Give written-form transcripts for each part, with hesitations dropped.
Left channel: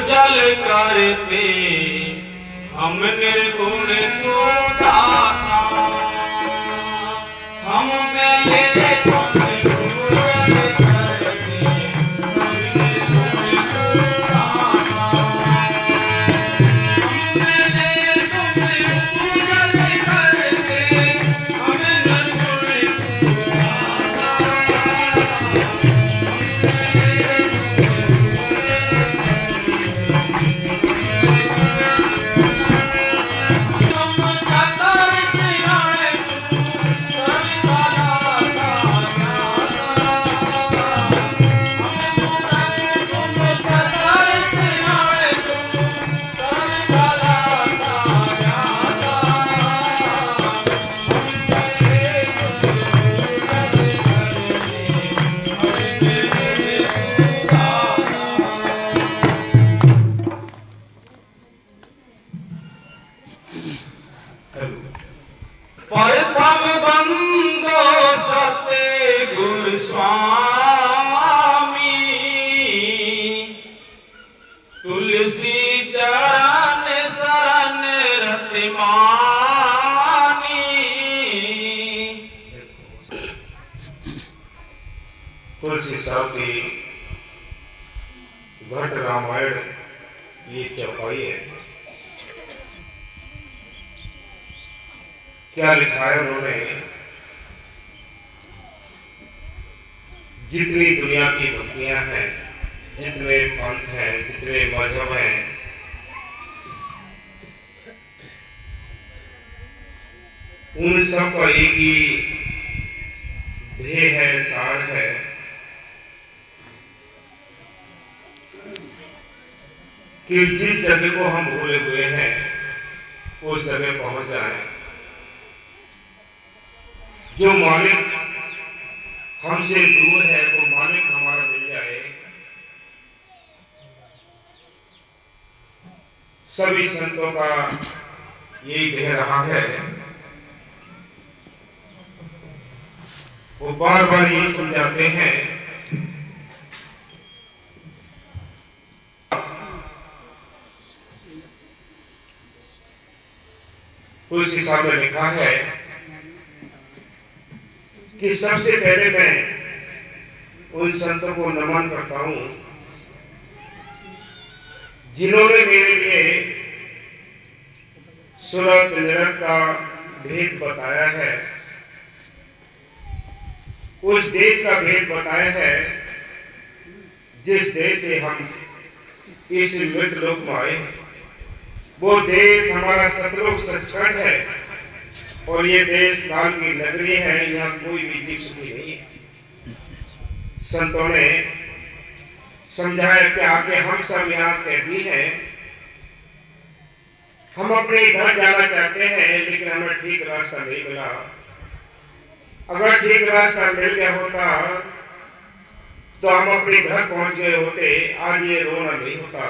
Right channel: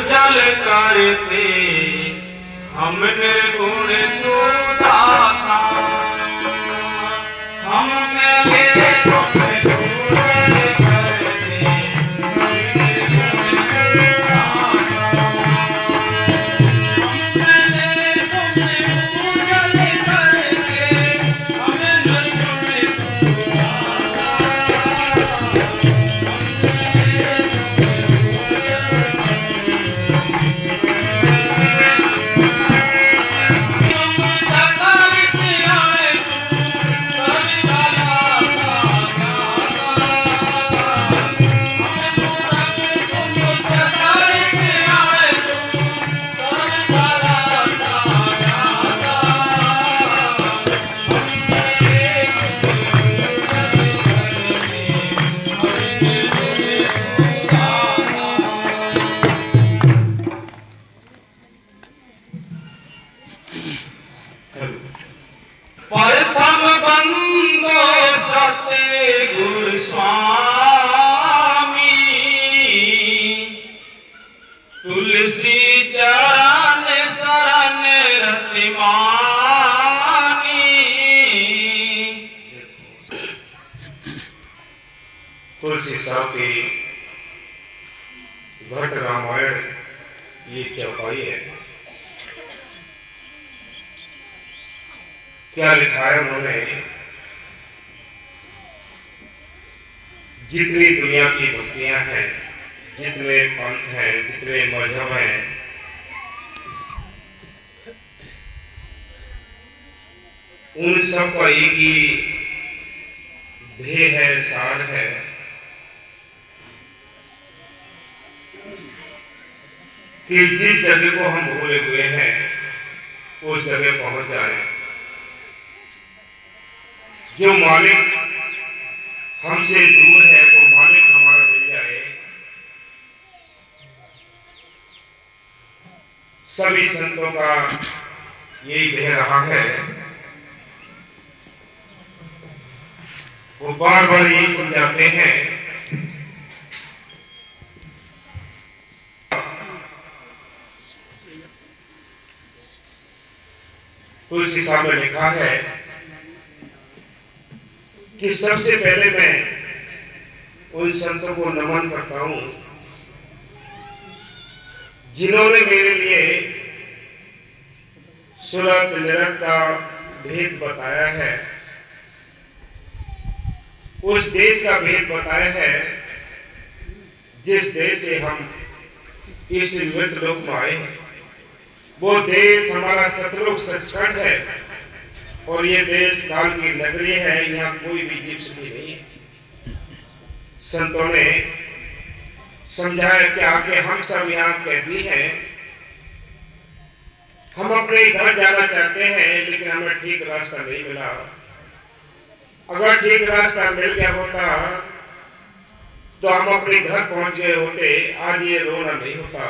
पूजल करते हम निर्गुण तू दाता, हम मेरे गुण पूजल करते हम निर्गुण तू दाता, हम मेरे गुण पूजल करते हम निर्गुण तू परतम बंदो सतगुरु स्वामी, तुलसी चरण शरण रति मानी। तुलसी साहब की घट रामायण ये चौपाई है। क्या लिखा है उन्होंने? जितनी दुनिया की भक्तियां हैं, जितने पंथ हैं, जितने मजहब हैं, उन सब का एक ही ध्येय है, सार है कि जिस जगह को हम भूले हुए हैं उस जगह पहुंच जाए। जो मालिक हमसे दूर है वो मालिक हमारा मिल जाए। सभी संतों का यही ध्येय रहा है। वो बार बार ये समझाते हैं तुलसी साहब ने लिखा है कि सबसे पहले मैं उन संतों को नमन करता हूं जिन्होंने मेरे लिए सुलभ निरत का भेद बताया है, उस देश का भेद बताया है जिस देश से हम इस मृत लोक में आए हैं। वो देश हमारा सतलोक सचखंड है और ये देश काल की नगरी है। यहाँ कोई भी जीव सुखी नहीं है। संतों ने समझाया कि आगे हम सब यहाँ कैदी हैं। हम अपने घर जाना चाहते हैं लेकिन हमें ठीक रास्ता नहीं मिला। अगर ठीक रास्ता मिल गया होता तो हम अपने घर पहुंच गए होते, आज ये रोना नहीं होता।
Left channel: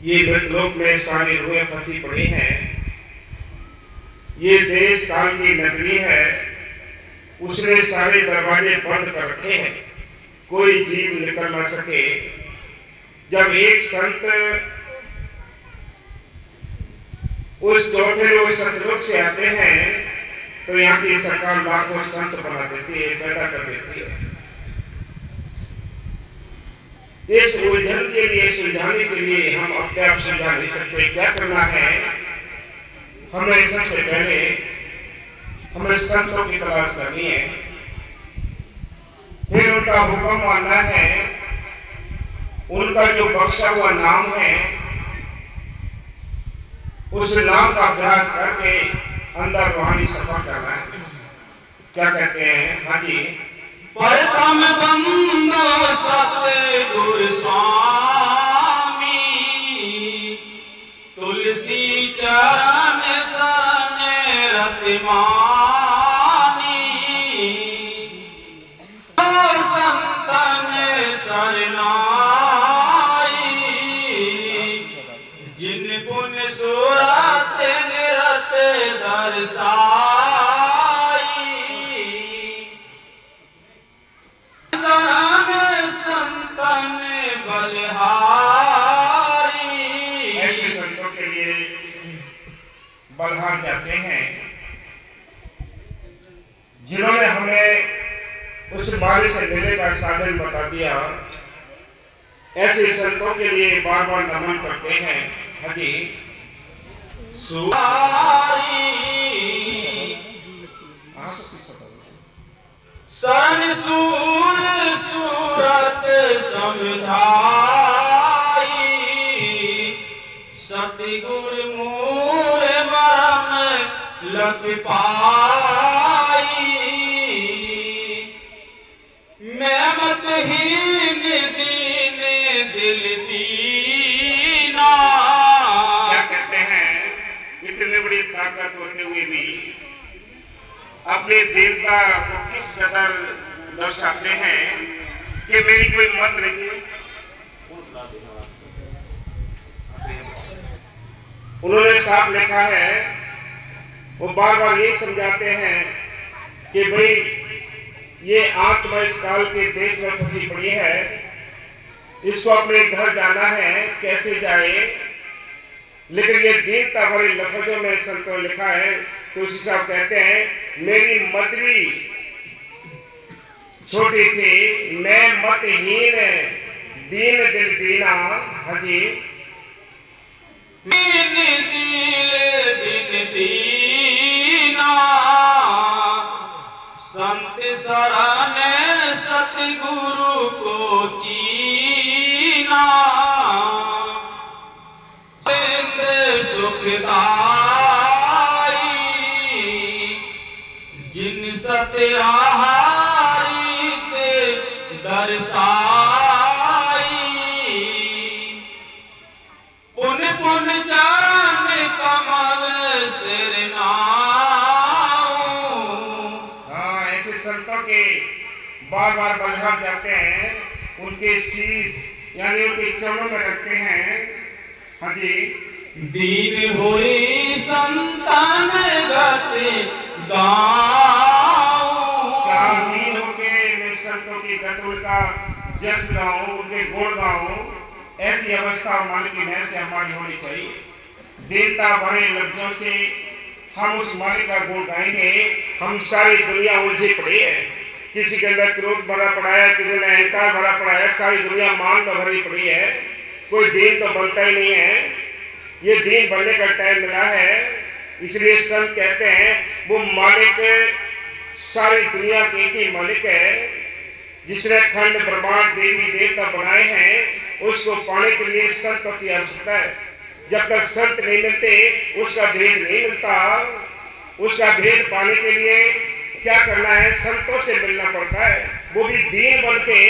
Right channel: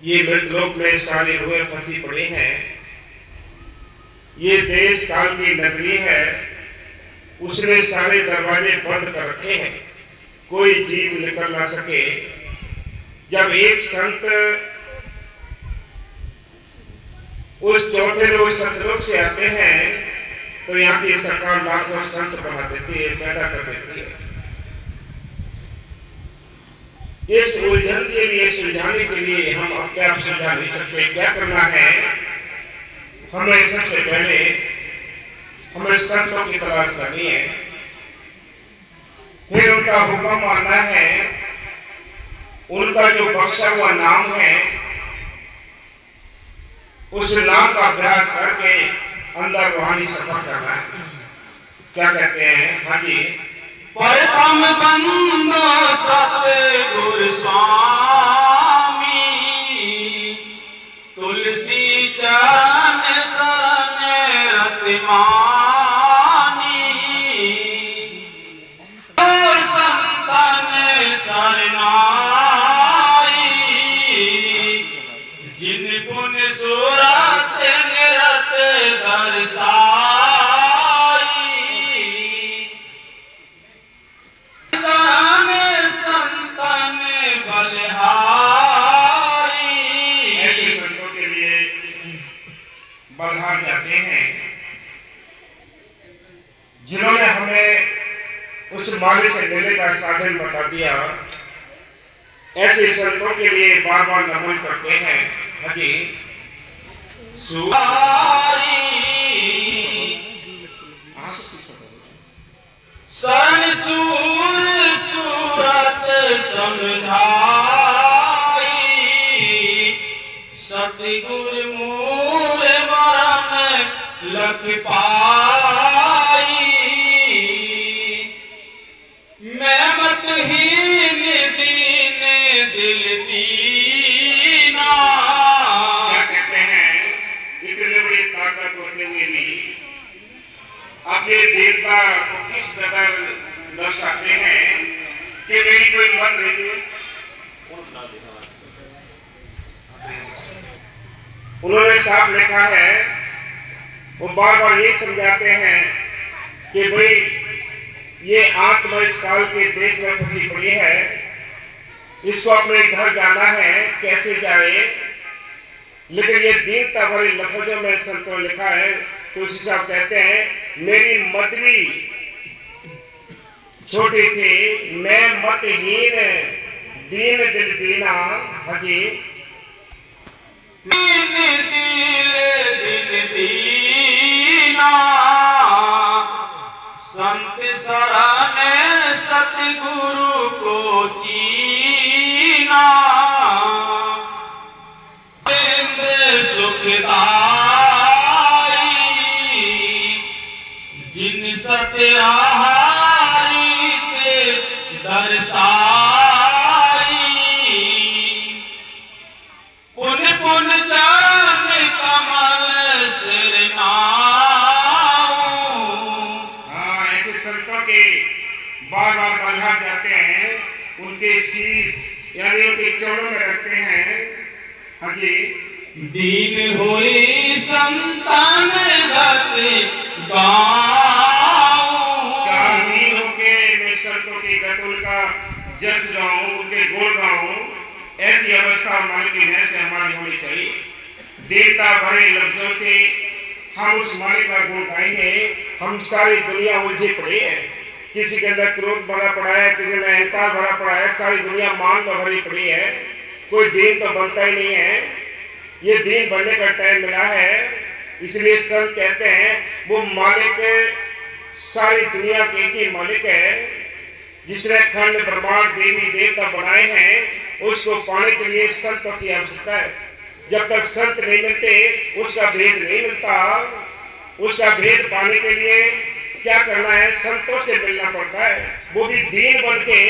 ये मृतलोक में सारी रूहें फंसी पड़ी हैं। ये देश काल की नगरी है, उसने सारे दरवाजे बंद कर रखे हैं, कोई जीव निकल ना सके। जब एक संत उस चौथे रोज सतलोक से आते हैं तो यहाँ की सरकार लाखों संत बना देती है, पैदा कर देती है। इस उलझन के लिए, सुलझाने के लिए हम अपने आप सुलझा नहीं सकते। क्या करना है? हमें सबसे पहले हमें संतों की तलाश करनी है, फिर उनका हुक्म मानना है, उनका जो बख्शा हुआ नाम है उस नाम का अभ्यास करके अंदर रूहानी सफर करना है। क्या कहते हैं? हाँ जी। परतम बंदो सतगुरु स्वामी, तुलसी चरण शरण रति मानी। संतन शरणाई, जिन पुन सुरत निरत दर्शाई। शरण संतन जाते हैं जिन्होंने हमें उस मालिक से मिलने का साधन बता दिया। ऐसे संतों के लिए बार बार नमन करते हैं। हाजी सन सूर सूरत समझाई, सतगुर मूर मरम लख पाई। मैं मतहीन दीन दिल दीना। क्या कहते हैं, इतने बड़ी ताकत होते हुए भी अपने देवता को किस कदर दर्शाते हैं कि मेरी कोई मत नहीं। उन्होंने साफ लिखा है, वो बार बार यही समझाते हैं कि भाई ये आत्मा इस काल के देश में फंसी पड़ी है, इसको अपने घर जाना है, कैसे जाए। लेकिन ये दीनता भरे लफ्जों में संतों ने लिखा है। तुलसी साहब कहते हैं, मेरी मदरी छोटी थी, मैं मतहीन दीन दिल दीना। हाजी दीन दिल दिन दीना, संत शरण सतगुरु को चीना। सिंध सुखदाई, जिन सतराहारी ते दर्शाई। पुन पुन चांद कमल सिर नाऊ। हाँ, ऐसे संतों के बार बार बंधा जाते हैं, उनके शीश यानी उनके चरणों में रखते हैं। हाजी दीन हुई संतान गति गाऊं। क्या दीन होके मैं संतों की गति का जस गाऊं, उनके गुण गाऊं। ऐसी अवस्था मालिक की नहर से हमारी होनी चाहिए। देवता भरे लफ्जों से हम उस मालिक का गुण गाएंगे। हम सारी दुनिया उलझे पड़े है, किसी के अंदर क्रोध भरा पड़ा है, किसी में अहंकार भरा पड़ा है, सारी दुनिया मान में भरी पड़ी है। कोई दीन तो बनता ही नहीं है। ये दीन बनने का टाइम मिला है। इसलिए संत कहते हैं, वो मालिक सारी दुनिया के एक ही मालिक है, जिसने खंड ब्रह्मांड देवी देवता बनाए हैं। उसको पाने के लिए संतों की आवश्यकता है। जब तक संत नहीं मिलते, उसका भेद नहीं मिलता। उसका भेद पाने के लिए क्या करना है, संतों से मिलना पड़ता है। वो भी दीन बन के,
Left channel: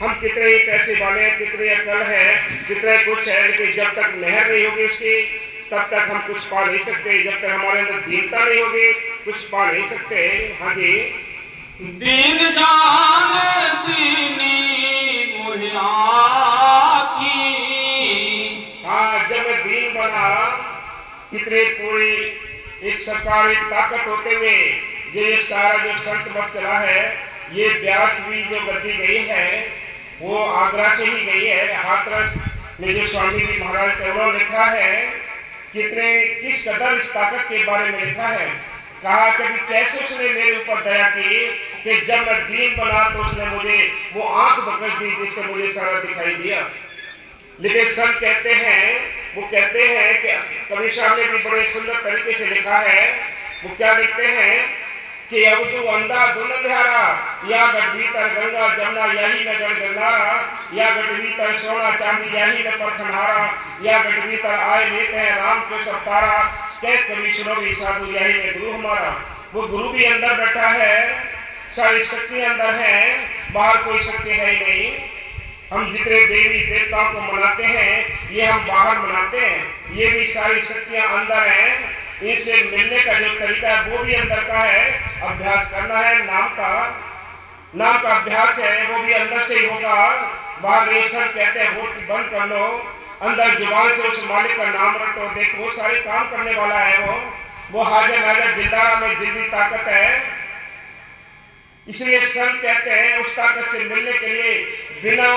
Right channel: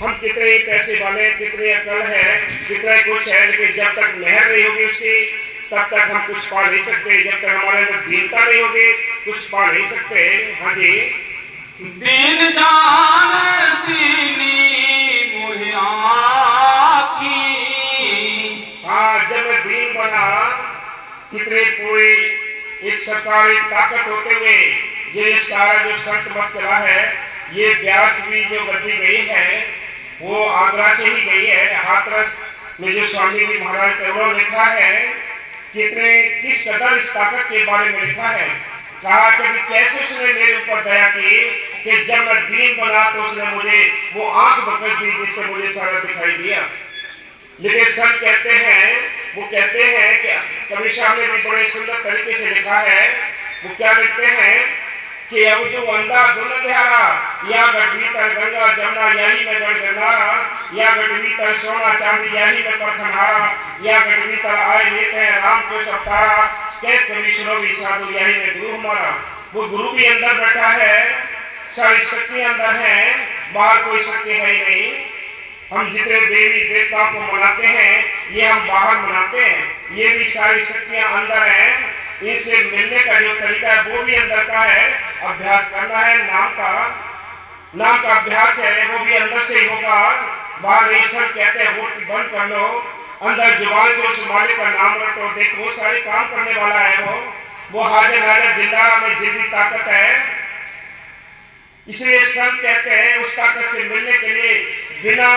हम कितने पैसे वाले, कितने अकल है, कितने कुछ है, लेकिन जब तक मेहर नहीं होगी उसकी, तब तक हम कुछ पा नहीं सकते। जब तक हमारे अंदर दीनता नहीं होगी, कुछ पा नहीं सकते। हाँ जी, दीन जान दीनी मुहिया की। हाँ, जब मैं दीन बना, कितने पूरी एक सरकार, एक ताकत होते हुए ये सारा जो संत मत चला है, ये व्यास भी जो गद्दी गई है, वो आगरा से ही गई है। हाथरस में जो स्वामी जी महाराज थे, उन्होंने लिखा है कितने किस कदर इस ताकत के बारे में लिखा है। कहा कभी कैसे उसने मेरे ऊपर दया की कि जब मैं दीन बना तो उसने मुझे वो आंख बकस दी जिससे मुझे सारा दिखाई दिया। लेकिन संत कहते हैं, वो कहते हैं कि कबीर साहब ने भी बड़े सुंदर तरीके से लिखा है। वो क्या लिखते हैं कि अब तू अंधा धुन ध्यारा, या गढ़ भीतर गंगा जमुना यही में गढ़ गंगारा, या गढ़ भीतर सोना चांदी यही में परखनहारा, या गढ़ भीतर आए लेते हैं राम को सब तारा, कभी सुनो भी साधु यही में गुरु हमारा। वो गुरु भी अंदर बैठा है, सारी शक्ति अंदर है, बाहर कोई शक्ति है ही नहीं। हम जितने देवी देवताओं को मनाते हैं, ये हम बाहर मनाते हैं, ये भी सारी शक्तियां अंदर हैं। इनसे मिलने का जो तरीका है वो भी अंदर का है। अभ्यास करना है, नाम का अभ्यास है, वो भी अंदर से ही होगा। बाहर ये सब कहते हैं वोट बंद कर लो, अंदर जुबान से उस मालिक का नाम रखो। देखो सारे काम करने वाला है वो हाजिर नाजिर जिंदा में जिंदी ताकत है। इसलिए संत कहते हैं उस ताकत से मिलने के लिए बिना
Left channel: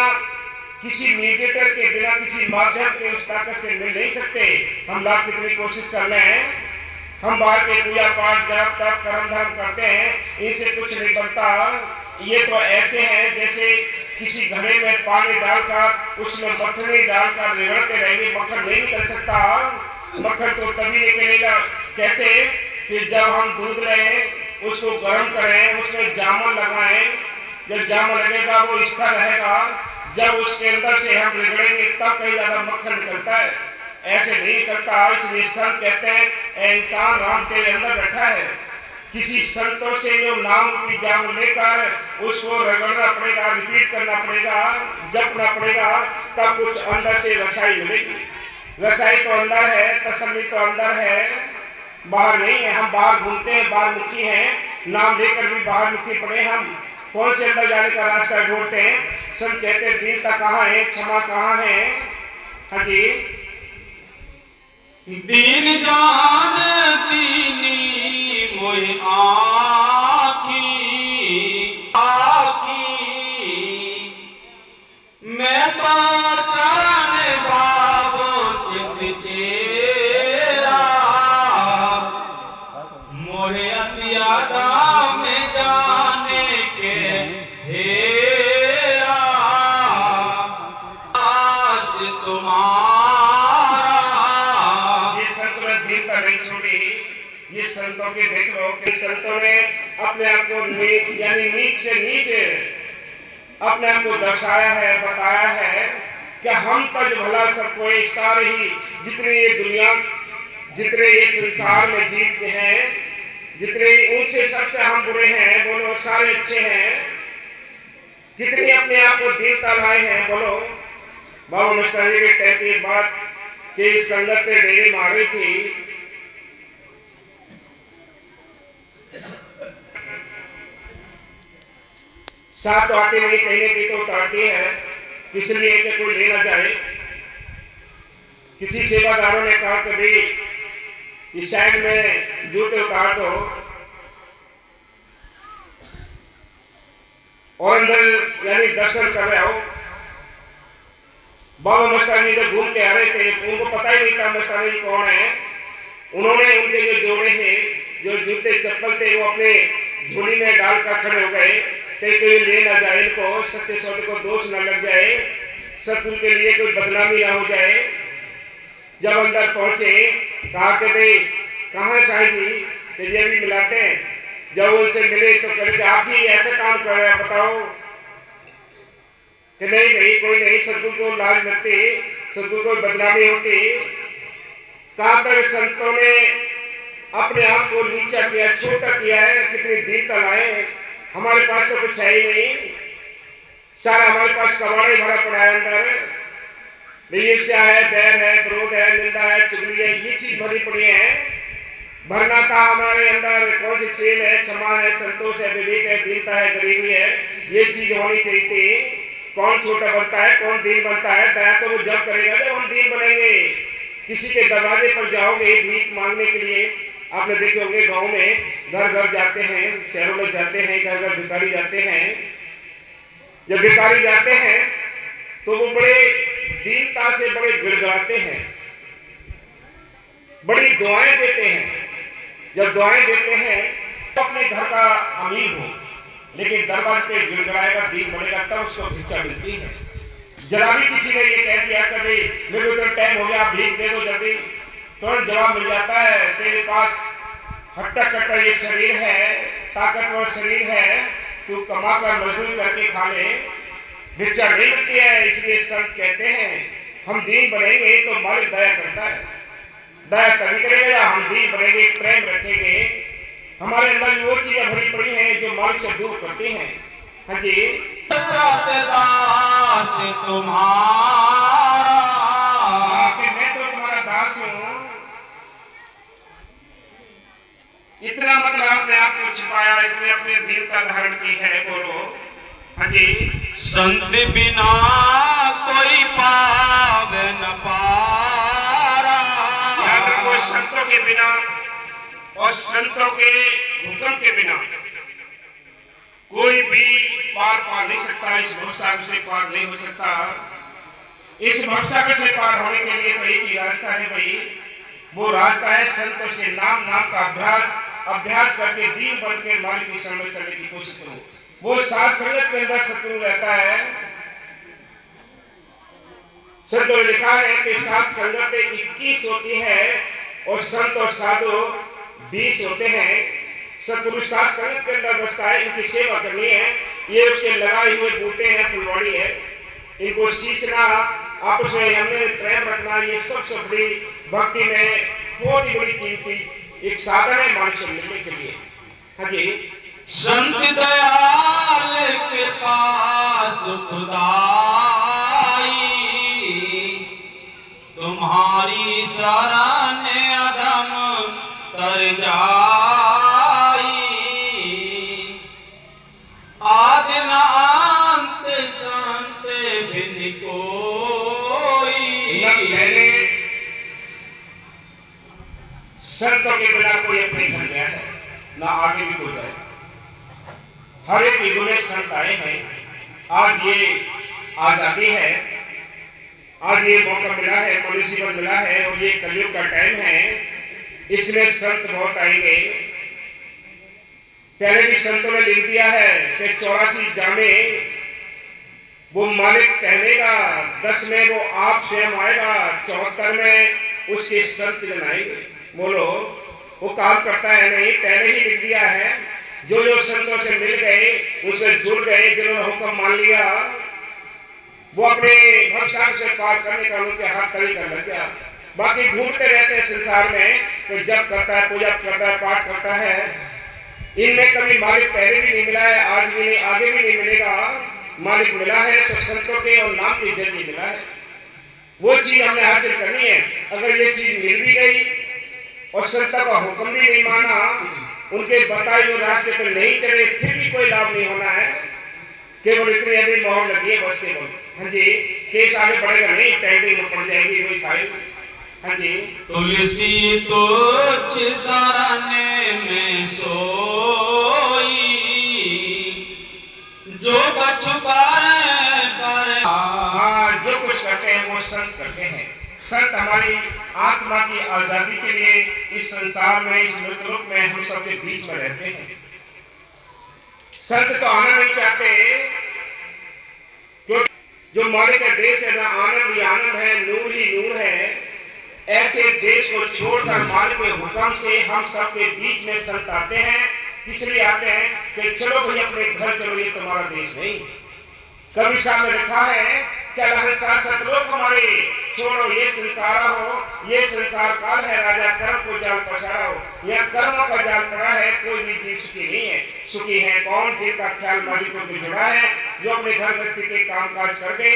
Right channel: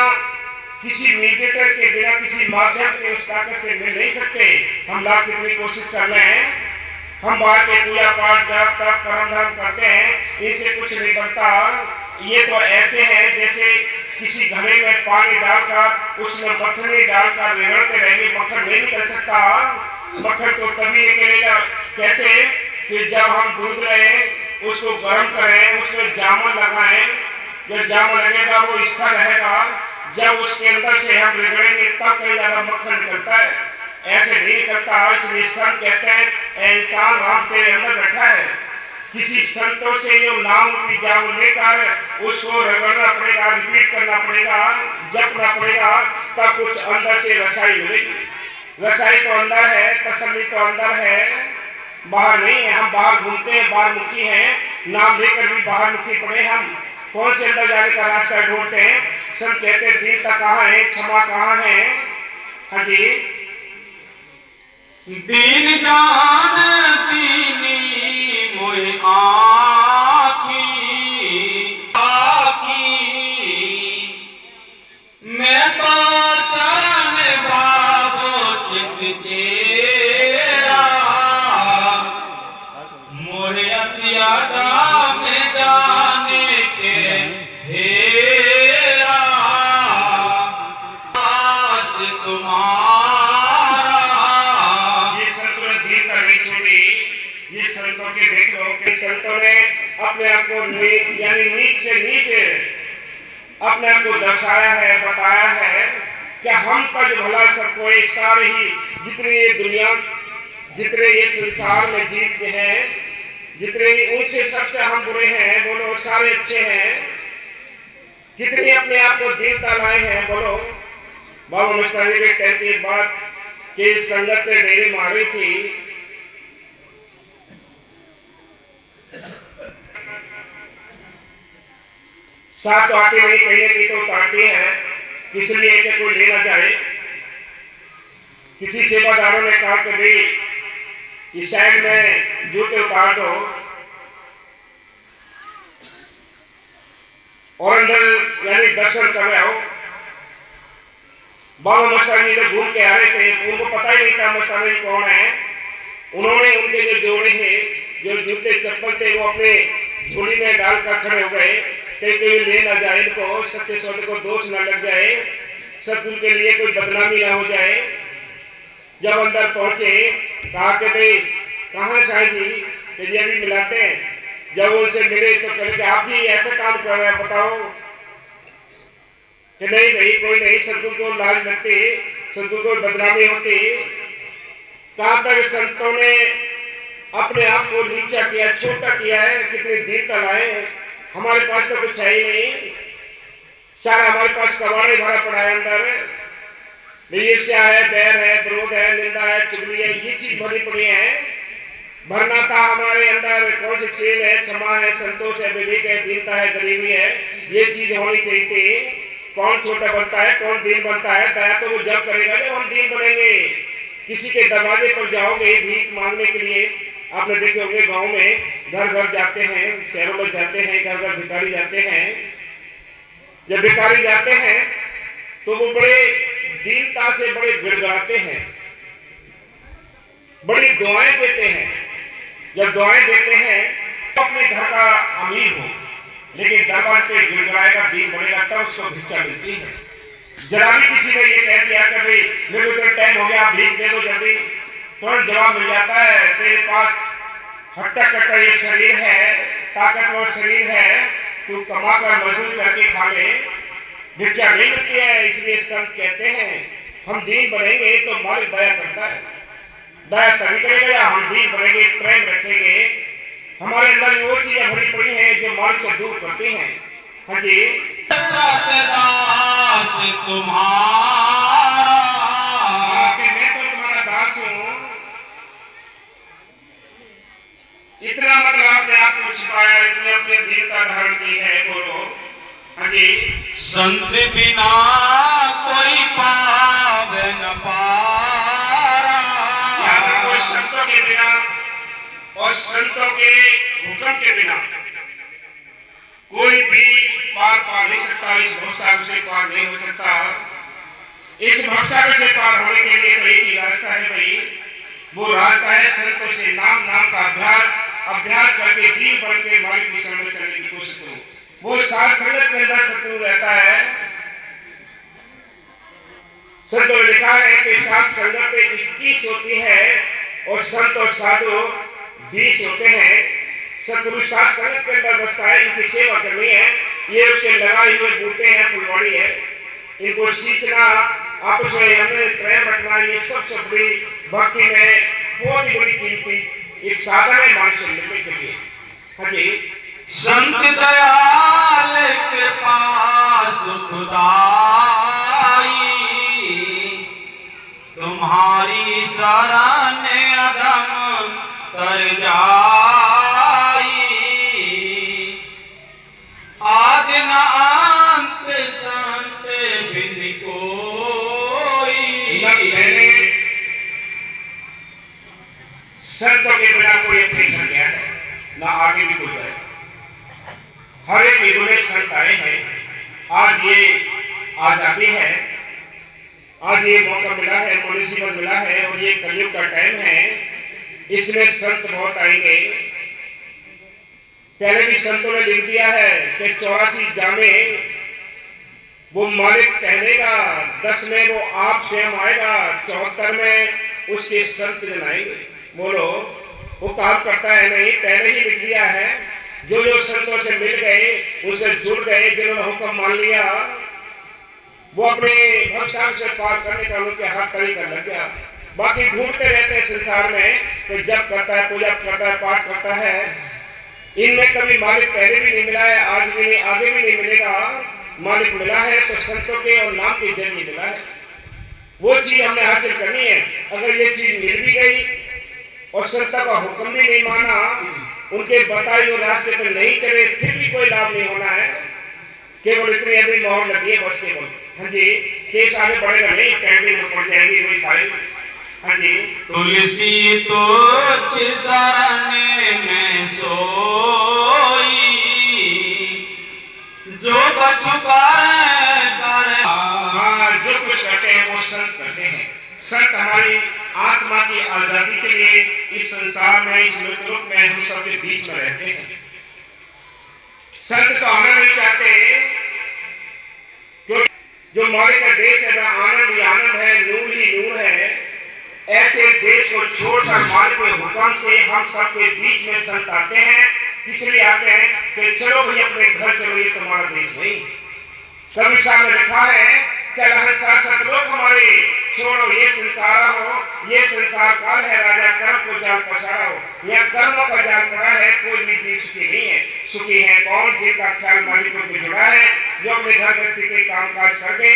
किसी मीडिएटर के, बिना किसी माध्यम के उस ताकत से मिल नहीं सकते। हम लाख कितनी कोशिश कर रहे हैं, हम बाहर के पूजा पाठ जप तप कर्म धर्म करते हैं, इनसे कुछ नहीं बनता। ये तो ऐसे हैं जैसे किसी घड़े में पानी डालकर उसमें मक्खन डालकर रगड़ते रहेंगे, मक्खन नहीं निकल सकता। मक्खन तो तभी निकलेगा कैसे कि जब हम दूध लें, उसको गर्म करें, उसमें जामुन लगाएं, जब जामुन लगेगा वो इसका रहेगा, जब उसके अंदर से हम रगड़ेंगे तब कहीं ज्यादा मक्खन निकलता है, ऐसे नहीं निकलता। इसलिए संत कहते हैं इंसान राम तेरे अंदर बैठा है। किसी संतों से जो नाम की जामुन लेकर उसको रगड़ना पड़ेगा, रिपीट करना पड़ेगा, जपना पड़ेगा, तब कुछ अंदर से रसाई मिलेगी। रसाई तो अंदर है, तसल्ली तो अंदर है, बाहर नहीं है। हम बाहर घूमते हैं, बाहर मुखी हैं, नाम लेकर भी बाहर मुखी पड़े। हम कौन से अंदर जाने का रास्ता ढूंढते हैं। संत कहते हैं दीनता कहाँ है, क्षमा कहाँ है। हाँ जी, दीन जान दीनी मोहि आखी आखी, मैं पहचान भावो चित चेरा, मोहे अत्यादा में जाने के हेरा, आस तुम्हारा। ये संतों के देख लो कि संतों ने अपने आप को यानी नीच से नीचे अपने आप को दर्शाया है, बताया है कि हम तज भला सब कोई, सारे ही जितने ये दुनिया, जितने ये संसार में जीते हैं, जितने उनसे सबसे हम बुरे हैं, बोलो सारे अच्छे हैं। कितनी अपने आप को दीनता लाए हैं, बोलो। बाबा मस्तानी के कहते एक बात कि संगत ने डेरे मारी थी, साथ तो आते नहीं, कहीं कहीं तो उतारती है, इसलिए कि कोई ले ना जाए। किसी सेवादारों ने कहा कि भाई इस साइड में जूते उतार दो और अंदर यानी दर्शन कर रहे हो। बाबा मस्तानी जब घूम के आ रहे थे, उनको पता ही नहीं था मस्तानी कौन है। उन्होंने उनके जो जोड़े थे, जो जूते चप्पल थे, वो अपने झोली में डालकर खड़े हो गए, कहीं कोई ले ना जाए, इनको सत्य सौदे को दोष न लग जाए, सत्य के लिए कोई बदनामी ना हो जाए। जब अंदर पहुंचे, कहा कि भाई कहाँ साईं जी, कि जी अभी मिलाते हैं। जब उनसे मिले तो कहे कि आप ही ऐसा काम कर रहे हैं, बताओ। कि नहीं भाई कोई नहीं, सदगुरु को लाज लगती, सदगुरु को बदनामी होती। कहां तक संतों ने अपने आप को नीचा किया, छोटा किया है, कितनी दीनता लाए। हमारे पास तो कुछ है ही नहीं, सारा हमारे पास कबाड़ा भरा पड़ा है अंदर। ईर्ष्या है, बैर है, विरोध है, निंदा है, चुगली है, ये चीज भरी पड़ी है। भरना था हमारे अंदर कौन सी शील है, क्षमा है, संतोष है, विवेक है, दीनता है, गरीबी है, ये चीज होनी चाहिए थी। कौन छोटा बनता है, कौन दीन बनता है। दया तो वो जब करेगा जब हम दीन बनेंगे। किसी के दरवाजे पर जाओगे भीख मांगने के लिए, आपने देखे होंगे गांव में घर घर जाते हैं, शहरों में जाते हैं, घर घर भिखारी जाते हैं। जब भिखारी जाते हैं तो वो बड़े दीनता से बड़े गिड़गिड़ाते हैं, बड़ी दुआएं देते हैं। जब दुआएं देते हैं तो अपने घर का अमीर हो, लेकिन दरबार पे गिड़गिड़ाएगा, दीन बनेगा, तब उसको भिक्षा मिलती है। जरा भी किसी ने ये कह दिया कि भाई मेरे को तो टाइम हो गया, भीख दे दो जल्दी, तुरंत जवाब मिल जाता है, तेरे पास हट्टा कट्टा ये शरीर है, ताकतवर शरीर है, तू कमा कर मजदूरी करके खा ले, भिक्षा नहीं मिलती है। इसलिए संत कहते हैं हम दीन बनेंगे तो मालिक दया करता है। दया तभी करेगा या हम दीन बनेंगे, प्रेम रखेंगे। हमारे अंदर वो चीजें भरी पड़ी हैं जो मालिक से दूर करती हैं। हाँ जी, दास तुम्हारा, मैं तो तुम्हारा दास हूँ। इतना मतलब आपने आपको छिपाया, इतनी अपने दिल का धारण की है, बोलो। हाँ जी, संत बिना कोई पावे न पारा, वो संतों के बिना और संतों के हुक्म के बिना कोई भी पार पा नहीं सकता। इस भवसागर से पार नहीं हो सकता। इस भवसागर से पार होने के लिए तो एक ही रास्ता है भाई, वो रास्ता है संतों से नाम नाम का अभ्यास करके दीन बन के मालिक की समझ करने की कोशिश करो। वो साथ संगत के अंदर शत्रु रहता है। संतों ने लिखा है कि सात संगत 21 होती है और संत और साधु 20 होते हैं। शत्रु सात संगत के अंदर बसता है, इनकी सेवा करनी है। ये उसके लगाए हुए बूटे हैं, फुलवाड़ी है, इनको सींचना, आपस में हमें प्रेम रखना, ये सबसे बड़ी भक्ति में बहुत ही बड़ी कीमती एक साधन है मानुष्य मिलने के लिए। हाँ जी। संत दयाल कृपा सुखदाई, तुम्हारी शरण अदम तर जाई, आदि न अंत संत बिन कोई। संतों के बिना कोई अपने घर गया है ना आगे भी कोई जाएगा। हर एक युग में संत आए हैं। आज ये आजादी है, आज ये मौका मिला है, मनुष्य जीवन मिला है और ये कलयुग का टाइम है, इसमें संत बहुत आएंगे। पहले भी संतों ने लिख दिया है कि 84 जामे वो मालिक पहनेगा, 10 में वो आप स्वयं आएगा, 74 में उसके संत जन आएंगे। बोलो, वो काम करता है नहीं, पहले ही लिख दिया है। जो जो संतों से मिल गए, उनसे जुड़ गए, जिन्होंने हुक्म मान लिया, वो अपने भवसागर से पार करने का उनके हाथ तरीका लग गया। बाकी ढूंढते रहते हैं संसार में, कोई जप करता है, पूजा करता है, पाठ करता है, इनमें कभी मालिक पहले भी नहीं मिला है, आज भी नहीं, आगे भी नहीं मिलेगा। मालिक मिला है तो संतों के और नाम के जरिए मिला है। वो चीज हमने हासिल करनी है। अगर ये चीज मिल भी गई और संतों का हुक्म भी नहीं माना, उनके बताए हुए रास्ते पर नहीं चले, फिर भी कोई लाभ नहीं होना है। केवल इतनी अभी मोहर लगी है बस केवल। हाँ जी, केस आगे बढ़ेगा नहीं, टैंकिंग में पड़ जाएगी वही फाइल। हाँ जी। तुलसी तुच्छ शरण में सोई, जो कछु करे। हाँ, जो कुछ करते हैं वो संत करते हैं। संत हमारी आत्मा की आजादी के लिए इस संसार में, इस मृतलोक में हम सबके बीच में रहते हैं। संत तो आना नहीं चाहते, क्योंकि जो मालिक का देश है, आनंद ही आनंद है, नूर ही नूर है। ऐसे देश को छोड़कर मालिक के हुक्म से हम सबके बीच में संत आते हैं। इसलिए आते हैं कि चलो भाई अपने घर चलो, ये तुम्हारा देश नहीं। कभी साहब ने लिखा है, चल सतलोक हमारे छोड़ो ये संसार हो, ये संसार काल है, राजा कर्म को जाल पसारा हो। यह कर्मों का जाल पड़ा है, कोई भी जीव सुखी नहीं है। सुखी है कौन? जिनका ख्याल मालिकों में जुड़ा है, जो अपने घर गृहस्थी के काम काज करके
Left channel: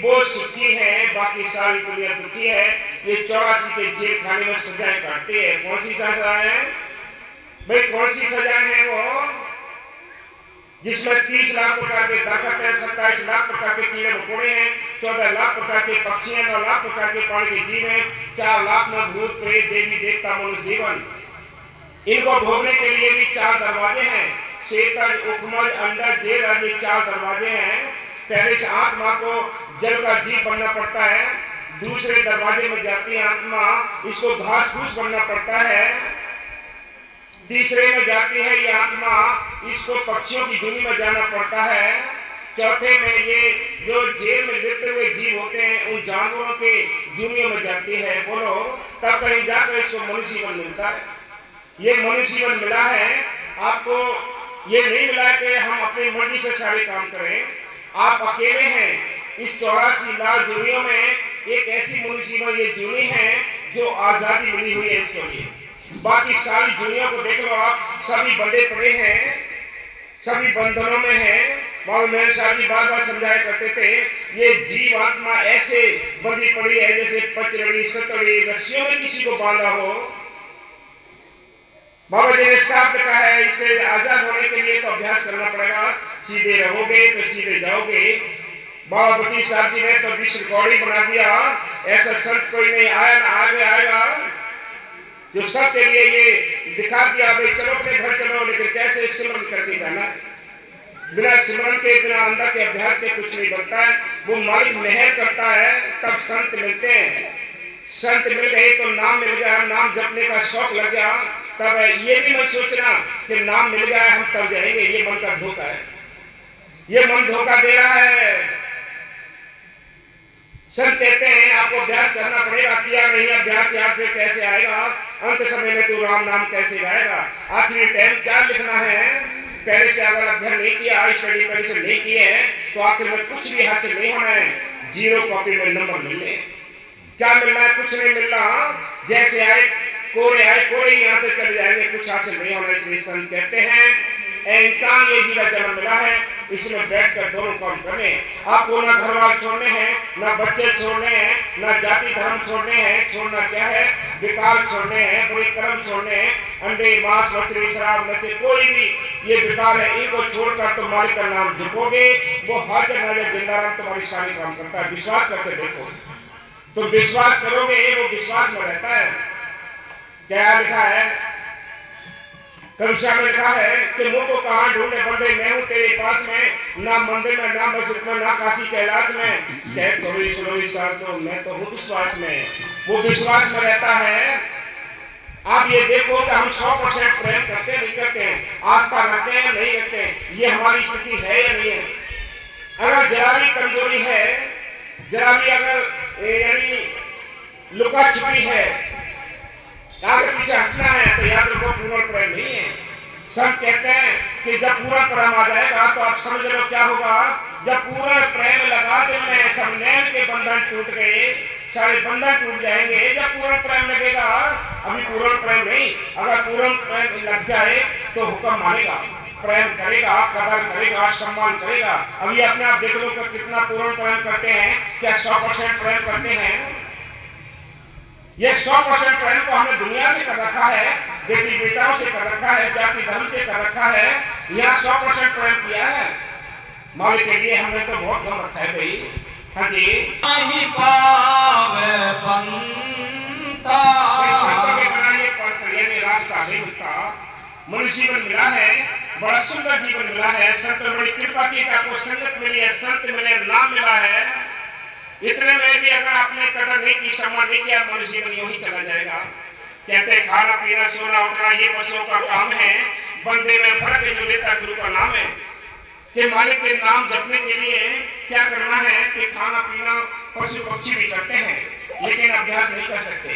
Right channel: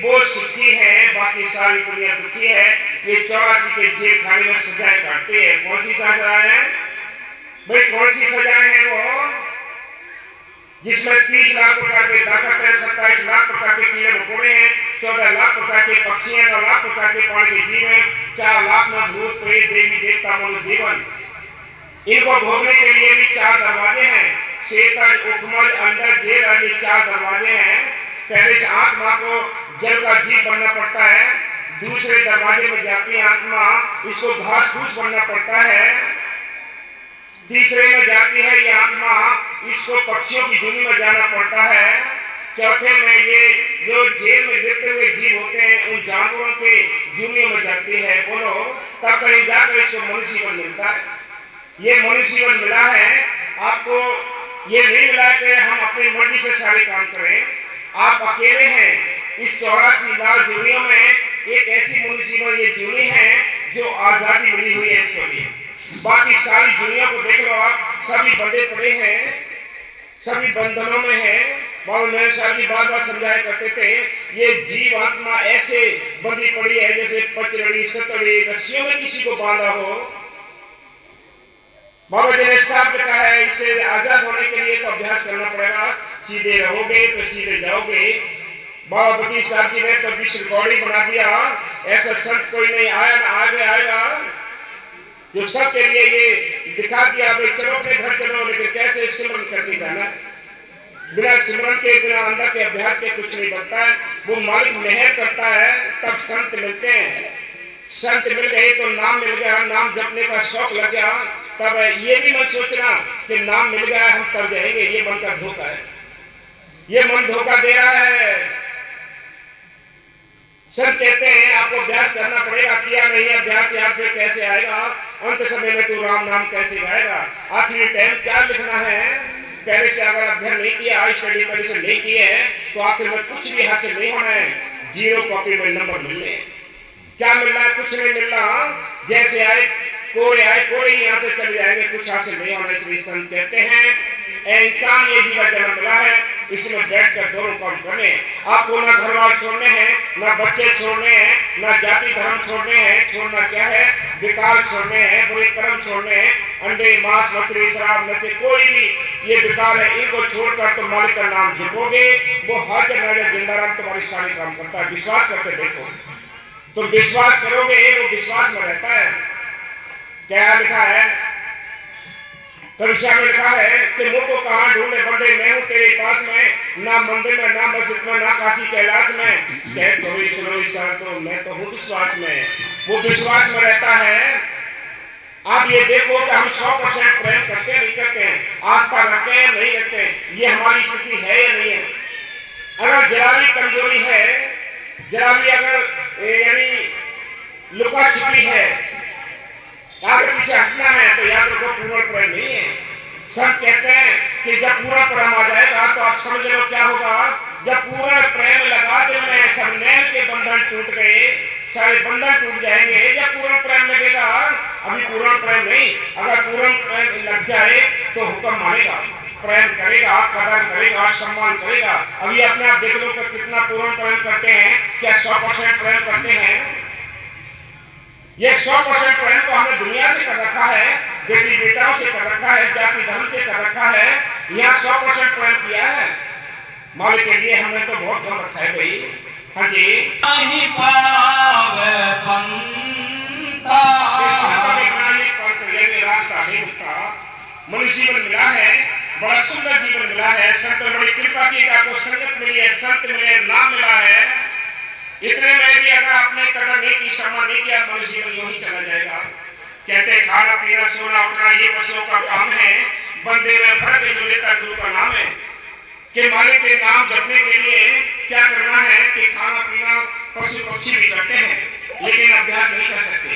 वो सुखी है, बाकी सारी दुनिया दुखी है। ये 84 के जेल खाने में सजाएं काटते हैं। कौन सी सजाएं हैं भाई? कौन सी सजाएं हैं वो? जिसमें 30 लाख प्रकार के ताकत है, 27 लाख प्रकार के कीड़े मकोड़े हैं, 14 लाख प्रकार के पक्षी हैं, 9 लाख प्रकार के पानी के जीव हैं, 4 लाख में भूत प्रेत देवी देवता मनुष्य जीवन। इनको भोगने के लिए भी 4 दरवाजे हैं। शेतर, उपमल, अंडर, जेल आदि 4 दरवाजे हैं। पहले से आत्मा को जल का जीव बनना पड़ता है, दूसरे दरवाजे में जाती है आत्मा, इसको घास फूस बनना पड़ता है, तीसरे में जाती है ये आत्मा, इसको पक्षियों की दुनिया में जाना पड़ता है, चौथे में ये जो जेल में लिपटे हुए जीव होते हैं उन जानवरों के दुनिया में जाती है। बोलो, तब कहीं जाकर इसको मनुष्य जीवन मिलता है। ये मनुष्य जीवन मिला है आपको, ये नहीं मिला कि हम अपनी मर्जी से सारे काम करें। आप अकेले हैं इस 84 लाख दुनिया में। एक ऐसी मनुष्य जीवन ये जूनी है जो आजादी मिली हुई है इसके लिए। बाकी सारी दुनिया को देख लो आप, सभी बंधे पड़े हैं, सभी बंधनों में हैं। बाबा मेहर साहब जी बार बार समझाया करते थे, ये जीव आत्मा ऐसे बंधी पड़ी है जैसे पचड़ी सतड़ी रस्सियों में किसी को बांधा हो। बाबा जी ने साफ कहा है, इससे आजाद होने के लिए तो अभ्यास करना पड़ेगा। सीधे रहोगे तो सीधे जाओगे। बाबा बकीर साहब जी ने तो बीच रिकॉर्डिंग बना दिया, ऐसा संत कोई नहीं आया ना आगे आएगा, जो सबके लिए ये दिखा दिया भाई चलो अपने घर चलो, लेकिन कैसे सिमरन करके जाना। बिना सिमरन के, बिना अंदर के अभ्यास के कुछ नहीं बनता है। वो मालिक मेहर करता है तब संत मिलते हैं। संत मिल गए तो नाम मिल गया, नाम जपने का शौक लग गया, तब ये भी मत सोचना कि नाम मिल गया हम तर जाएंगे। ये मन का धोखा है, ये मन धोखा दे रहा है। संत कहते हैं आपको अभ्यास करना पड़ेगा, किया नहीं अभ्यास याद से कैसे आएगा, अंत समय में तू राम नाम कैसे गाएगा। आखिरी टाइम क्या लिखना है, पहले से अगर अध्ययन नहीं किया, स्टडी पहले से नहीं किए है तो आखिर में कुछ भी हासिल नहीं होना है। 0 कॉपी में नंबर मिलने, क्या मिलना है, कुछ नहीं मिलना। जैसे आए कोरे यहाँ से चले जाएंगे, कुछ हासिल नहीं होना। इसलिए संत कहते हैं इंसान ये जी का जन्म मिला है, इसमें बैठकर दोनों काम करने हैं। आपको ना घर वाले छोड़ने हैं, ना बच्चे छोड़ने हैं, ना जाति धर्म छोड़ने हैं। छोड़ना क्या है, विकार छोड़ने हैं, बुरे कर्म छोड़ने हैं। अंडे मांस मछली शराब नशे कोई भी ये विकार है, इनको छोड़कर तुम मालिक का नाम जपोगे, वो हाजिर नाजिर जिंदाराम तुम्हारी सारी काम करता है। विश्वास करके देखो, तुम विश्वास करोगे वो विश्वास में रहता है। क्या लिखा है कविता में, लिखा है कि मुझको कहाँ ढूंढे बंदे, मैं हूँ तेरे पास में, ना मंदिर में ना मस्जिद में ना काशी कैलाश में। कह थोड़ी सुनो तो मैं तो हूँ विश्वास में, वो विश्वास में रहता है। आप ये देखो कि हम 100% प्रेम करते नहीं करते हैं, आस्था रखते हैं नहीं रखते हैं, ये हमारी स्थिति है या नहीं है। अगर जरा भी कमजोरी है, जरा भी अगर यानी लुका छिपी है, आगे पीछे हटना है, तो याद रखो पूर्ण प्रेम नहीं है। सब कहते हैं कि जब पूरा प्रेम आ जाएगा तो आप समझ लो क्या होगा। जब पूरा प्रेम लगा दिल में, सब नैन के बंधन टूट गए, सारे बंधन टूट जाएंगे जब पूर्ण प्रेम लगेगा। अभी पूर्ण प्रेम नहीं, अगर पूर्ण प्रेम लग जाए तो हुक्म मानेगा, प्रेम करेगा, कदर करेगा, सम्मान करेगा। अभी अपने आप देख लो कि कितना पूर्ण प्रेम करते हैं, क्या 100% प्रेम करते हैं। ये 100% प्रेम तो हमने दुनिया से कर रखा है, बेटी बेटाओं से कर रखा है, जाति धर्म से कर रखा है। यहाँ 100% प्रेम किया है मालिक के लिए, हमने तो बहुत कम रखा है भाई। हाँ जी, नहीं पावे पंथा, रास्ता नहीं उसका। मनुष्य जीवन मिला है, बड़ा सुंदर जीवन मिला है, संत ने बड़ी कृपा की, आपको संगत मिली है, संत मिले, नाम मिला है। इतने में भी अगर आपने कदर नहीं की, सम्मान नहीं किया, मनुष्य जीवन यूं ही चला जाएगा। कहते खाना पीना सोना उठना ये पशुओं का काम है, बंदे में फर्क है जो लेता गुरु का नाम है। कि मालिक के नाम जपने के लिए क्या करना है कि खाना पीना पशु पक्षी भी करते हैं, लेकिन अभ्यास नहीं कर सकते,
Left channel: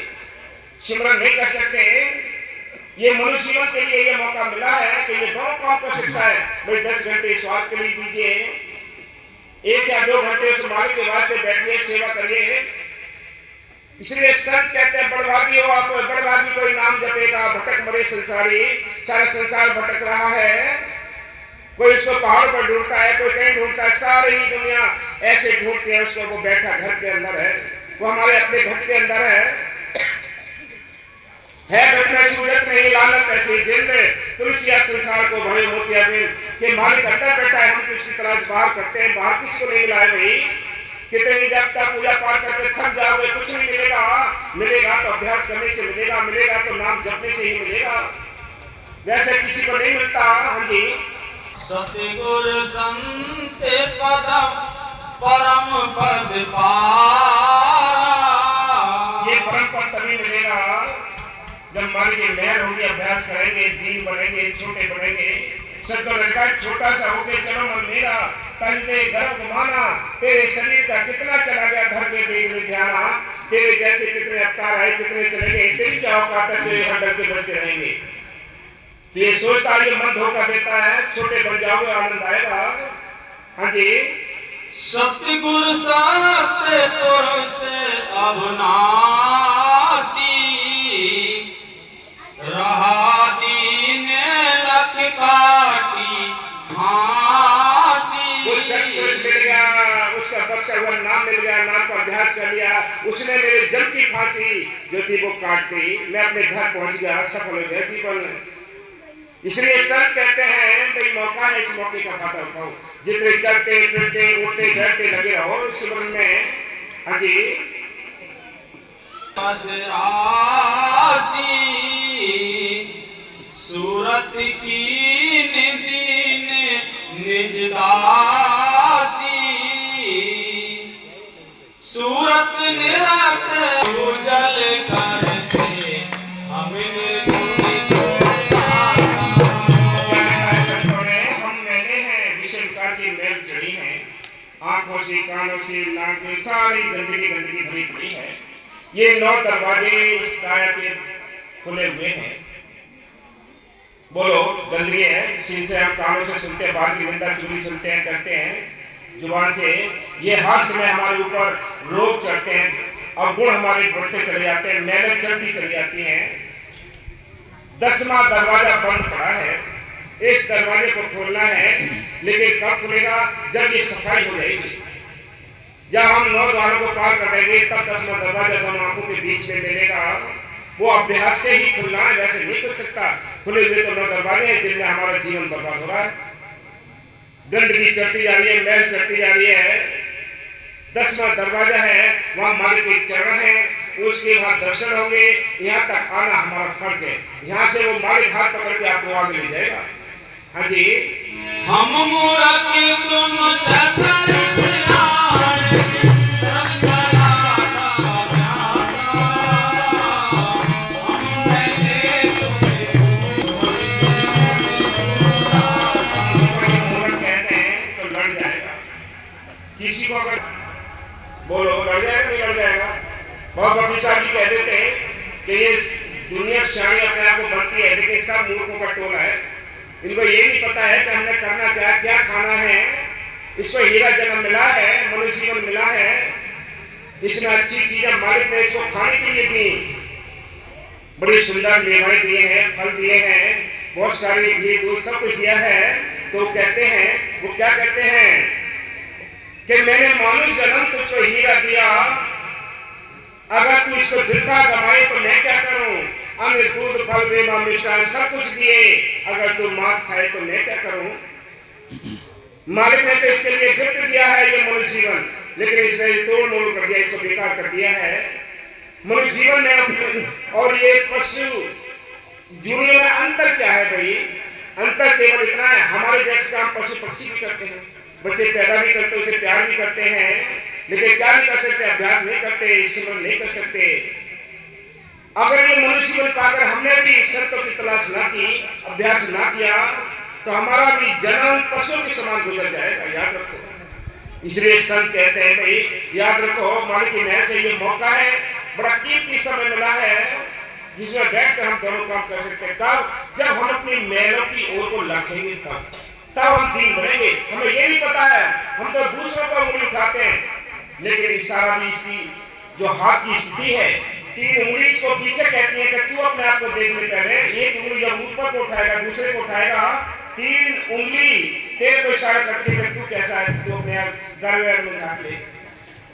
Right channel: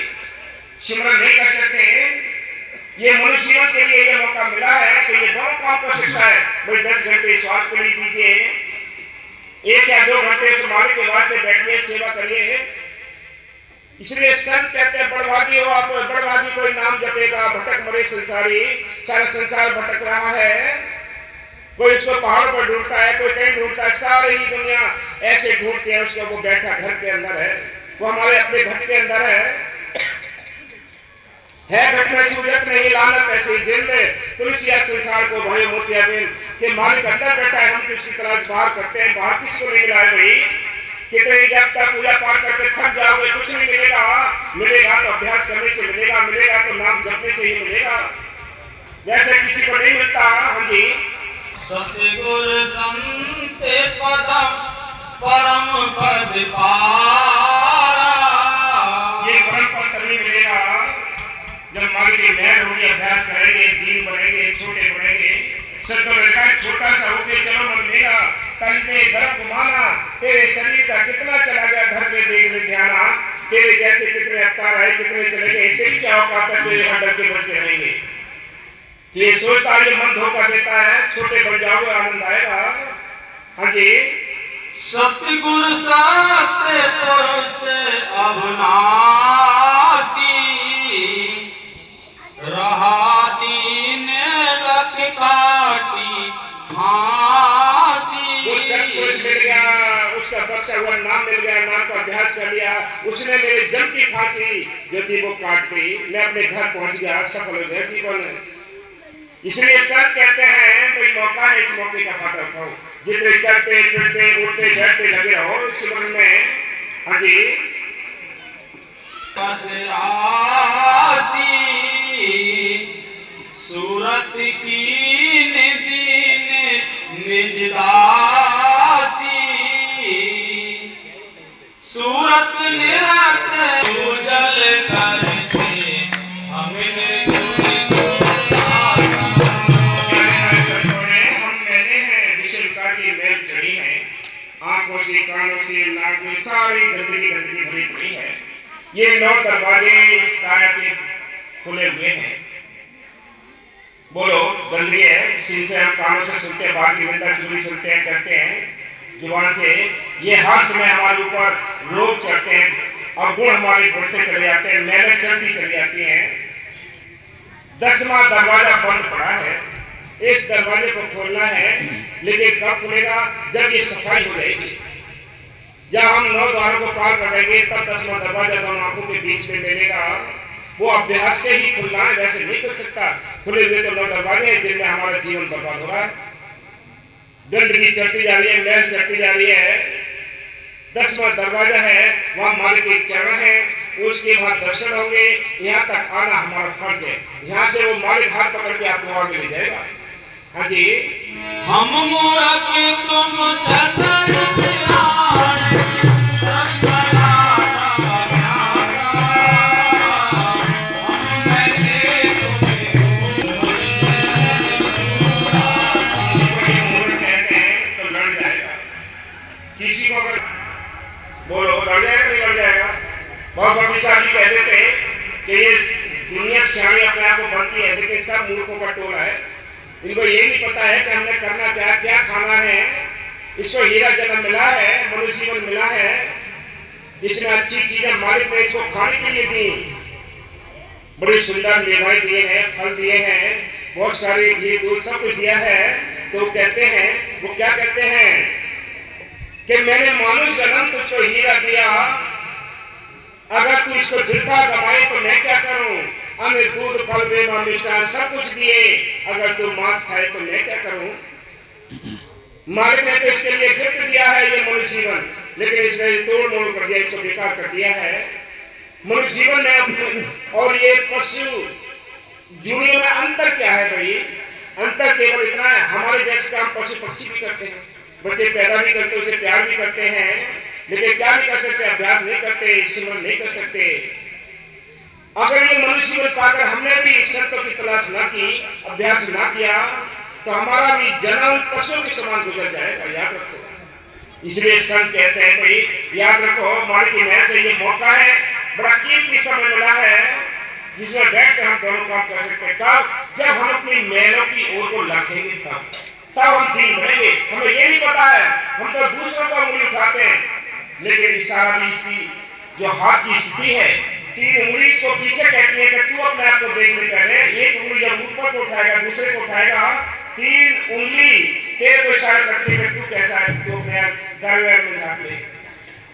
सिमरन नहीं कर सकते। ये मनुष्य जीवन के लिए ये मौका मिला है कि ये दोनों काम कर सकता है। भाई 10 घंटे स्वास्थ्य के लिए दीजिए, 1 या 2 घंटे से मालिक के वास्ते बैठिए, सेवा करिए। इसलिए संत कहते हैं बड़भागी हो आप, बड़भागी कोई नाम जपेगा, भटक मरे संसारी। सारा संसार भटक रहा है, कोई उसको पहाड़ पर ढूंढता है, कोई कहीं ढूंढता है, सारी ही दुनिया ऐसे ढूंढती है उसको। वो बैठा घर के अंदर है, वो हमारे अपने घर के अंदर है घर में सूरत नहीं लानत ऐसे जिंदे तुलसिया संसार को भरे मोतिया बिन। के मालिक अंदर बैठा है, हम किसी तरह बाहर करते हैं, बाहर किसको नहीं मिला है भाई। कितने जब तक पूजा पाठ करके थक जाओगे कुछ नहीं मिलेगा। मिलेगा तो अभ्यास करने से मिलेगा, मिलेगा तो नाम जपने से ही मिलेगा, वैसे किसी को नहीं मिलता। हाँ जी, सतगुर संत पदम परम पद पारा, ये परम पद तभी मिलेगा जब मालिक की लहर होगी, अभ्यास करेंगे, दीन बनेंगे, छोटे बनेंगे। सबको लड़का छोटा सा होके चलो मन मेरा, तंगे गर्भ घुमाना, तेरे शरीर का कितना चला गया घर के देख ले ध्याना। तेरे जैसे कितने अवतार आए, कितने चले गए, तेरी क्या औकात है, तेरे हंडल के बचते रहेंगे। ये सोचता है, ये मन धोखा देता है, छोटे बन जाओगे आनंद आएगा। हाँ जी, सतगुर सत्य पुरुष अविनाशी, रहा दीन लख काटी फांसी। वो सत्पुरुष मिल गया, उसका बख्शा हुआ नाम मिल गया, नाम का अभ्यास कर लिया, उसने मेरे जन्म की फांसी जो थी वो काट दी, मैं अपने घर पहुंच गया, सफल हो गया जीवन। इसलिए संत कहते हैं भाई मौका है, इस मौके का फायदा उठाओ, जितने चलते फिरते उठते बैठते लगे रहो इस सुमन में। हाँ जी, पदरासी सूरत की दीन निज दासी, सूरत निरत उजल आंखों से, कानों से, नाक में सारी गंदगी गंदगी भरी पड़ी है। ये 9 दरवाजे इस काया के खुले हुए हैं। बोलो, गंदगी है। जिनसे हम कानों से सुनते हैं, बात की निंदा चुगली सुनते हैं, करते हैं जुबान से। ये हर समय हमारे ऊपर रोग चढ़ते हैं, अवगुण हमारे बढ़ते चले जाते हैं, मेहनत चढ़ती चली जाती है। 10वां दरवाजा बंद पड़ा है। इस दरवाजे को खोलना है, लेकिन कब खुलेगा? जब ये सफाई हो जाएगी। जब हम 9 द्वारों को पार कर देंगे, तब 10वां दरवाजा दोनों आंखों के बीच में मिलेगा। वो अभ्यास से ही खुलना है, वैसे नहीं खुल सकता। खुले हुए तो 9 दरवाजे हैं जिनमें हमारा जीवन बर्बाद हो रहा है। गंदगी चढ़ती जा रही है, मैल चढ़ती जा रही है। 10वां दरवाजा है, वहां मालिक के चरण है, उसके बाद दर्शन होंगे। यहाँ तक आना हमारा फर्ज है। यहाँ से वो मालिक हाथ पकड़ के आपको आगे ले जाएगा। हाँ जी। हम मूरख तुम चतुर किसी को अगर बोलो लड़ जाएगा, नहीं लड़ जाएगा। बहुत बड़ी साहब जी कहते थे कि ये दुनिया शानी अपने आप को बनती है, लेकिन सब मूर्खों का टोला है। इनको ये नहीं पता है कि हमने करना क्या, क्या खाना है। इसको हीरा जन्म मिला है, मनुष्य जीवन मिला है। इसमें अच्छी चीजें मालिक ने इसको खाने के लिए दी। बड़ी सुंदर मेवाएं दिए हैं, फल दिए हैं, बहुत सारे घी दूध सब कुछ दिया है। तो कहते हैं, वो क्या कहते हैं कि मैंने मानव जन्म तुझको हीरा दिया, अगर तू इसको जितना कमाए तो मैं क्या करूं? अन्न दूध फल मेवा मिष्ठान सब कुछ दिए, अगर तू मांस खाए तो मैं क्या करूं? मालिक ने तो इसके लिए गिफ्ट दिया है ये मनुष्य जीवन, लेकिन इसने तोड़ मोड़ कर दिया, इसको बेकार कर दिया है। मनुष्य जीवन में और ये पशु दुनिया में अंतर क्या है भाई? अंतर केवल इतना है, हमारे जैसे काम पशु पक्षी भी करते हैं। बच्चे पैदा भी करते हैं, उसे प्यार भी करते हैं, लेकिन क्या नहीं कर सकते? अभ्यास नहीं करते, सिमरन नहीं कर सकते। अगर ये मनुष्य जीवन पाकर हमने भी शर्तों की तलाश ना की, अभ्यास ना किया, तो हमारा भी जन्म पशुओं के समान गुजर जाएगा। याद रखो। इसलिए संत कहते हैं भाई याद रखो, मालिक की मेहर से ये मौका है, बड़ा कीमती समय मिला है जिसमें बैठ कर हम दोनों काम कर सकते हैं। कब? जब हम अपनी मेहनत की ओर को रखेंगे, तब हम दीन बनेंगे। हमें ये नहीं पता है, हम तो दूसरों को उंगली उठाते हैं, लेकिन इशारा भी इसकी जो हाथ की स्थिति है, 3 उंगली इसको पीछे कहती है कि तू अपने आप को देखने पहले एक उंगली जब ऊपर को उठाएगा, दूसरे को उठाएगा, 3 उंगली तेरे को इशारा करती है कि तू कैसा है, तू अपने घर में झाँक ले।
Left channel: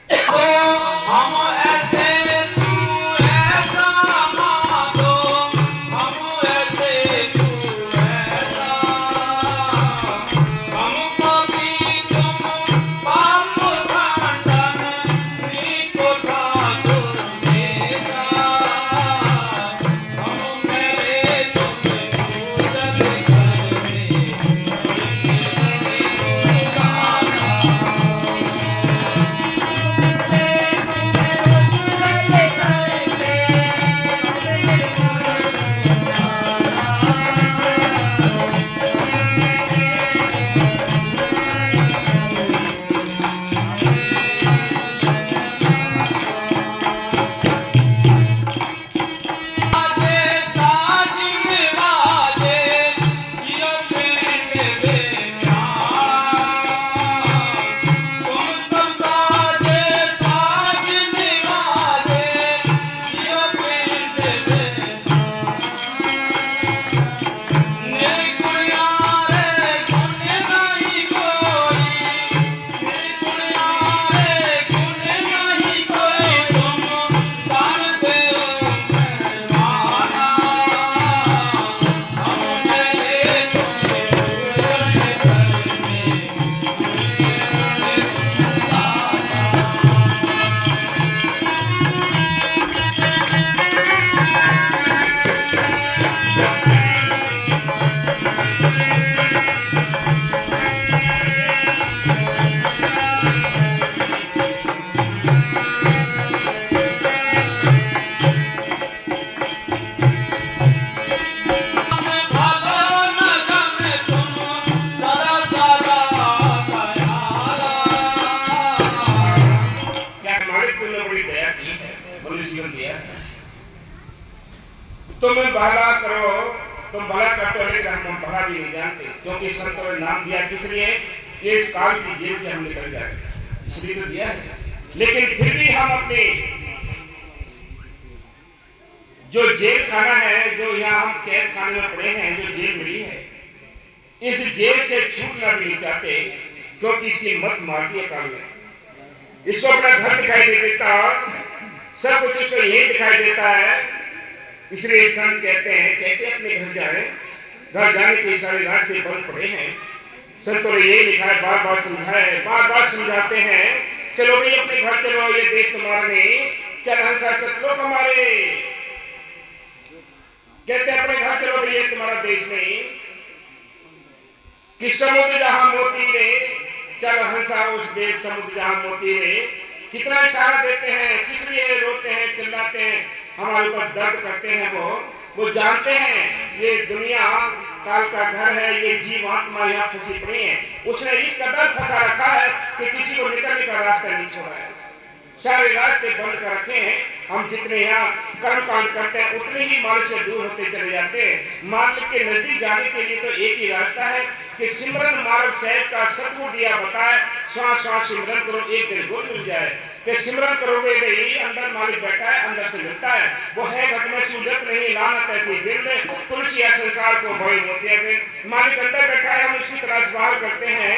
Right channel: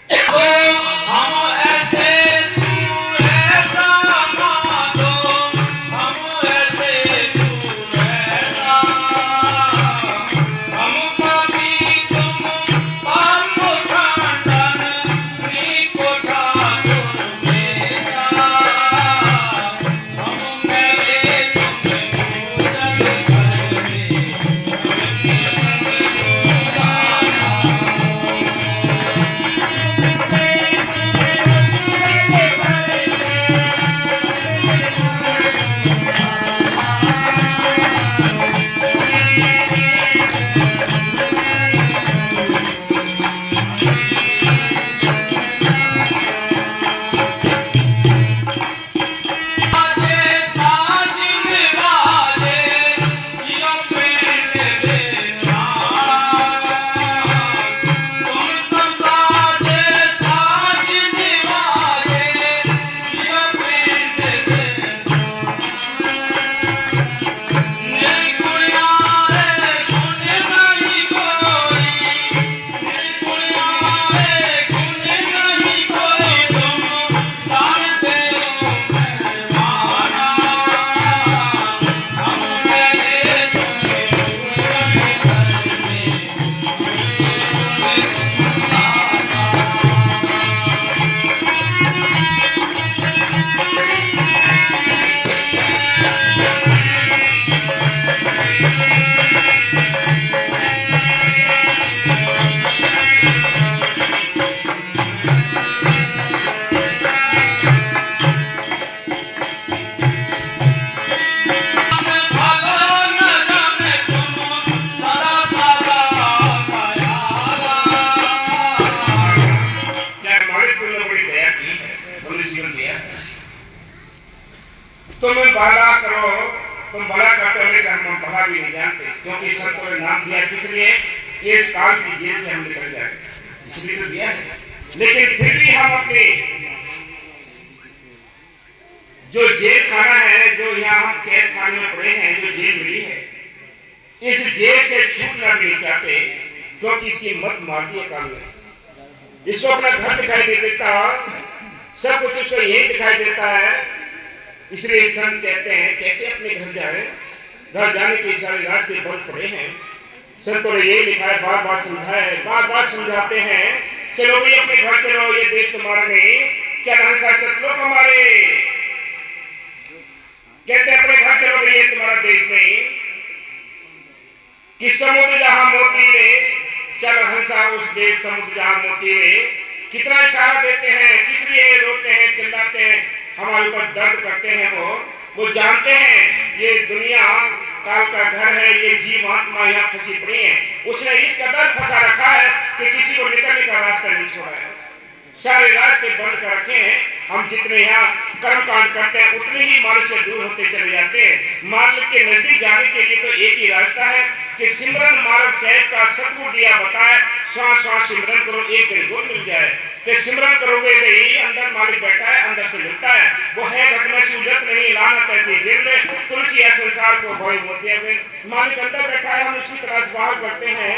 हम ऐसे तू ऐसा मानो, हम ऐसे तू ऐसा, हम कभी तुम हम खानदान नीको ठाकुर मेरा, हम मेरे तुम्हें पूजन करने तुम भला करो, तुम भला करते हो लेकिन हम भला भी नहीं जानते, क्योंकि संतों ने नाम दिया किस लिए? ये इस काल की जेल से हम निकल जाए, इसलिए तो दिया है। लेकिन फिर भी हम अपने जो जेल खाना है, जो यहाँ हम कैद खाने में पड़े हैं, जो जेल मिली है, इस जेल से छूटना भी नहीं चाहते, क्योंकि इसकी मत मार दी काल ने। इसको अपना घर दिखाई दे देता, सब कुछ उसको यही दिखाई देता है। इसलिए संत कहते हैं कैसे अपने घर जाए, घर जाने के सारे रास्ते बंद पड़े हैं। संतों ने यही लिखा है, बार बार समझाया है, बार बार समझाते हैं, चलो भाई अपने घर चलो, ये देश तुम्हारा नहीं, चल हंसा सतलोक हमारे, कहते हैं अपने घर चलो भाई, ये तुम्हारा देश नहीं, कि समुद्र जहां मोती रे, चल हंसा उस देश समुद्र जहां मोती रे। कितना इशारा देते हैं, किस लिए रोते हैं, चिल्लाते हैं, हमारे ऊपर दर्द करते हैं। वो जानते हैं ये दुनिया काल का घर है, ये जीवात्मा यहाँ फंसी पड़ी है। उसने इस कदर फंसा रखा है कि किसी को निकलने का रास्ता नहीं छोड़ा है, सारे रास्ते बंद कर रखे हैं। हम जितने यहाँ कर्म कांड करते हैं उतने ही मार्ग से दूर होते चले जाते हैं। मार्ग के नजदीक जाने के लिए तो एक ही रास्ता है कि सिमरन मार्ग सहज का सतगुरु दिया बताए, श्वास श्वास सिमरन करो, एक दिन गुरु मिल जाए। कि सिमरन करोगे भाई, अंदर मालिक बैठा है, अंदर से मिलता है, वो है घट में सूजत नहीं, लानत ऐसी जिंद, तुलसी है संसार को भय मोतिया में। मालिक अंदर बैठा है, हम उसकी तलाश बाहर करते हैं,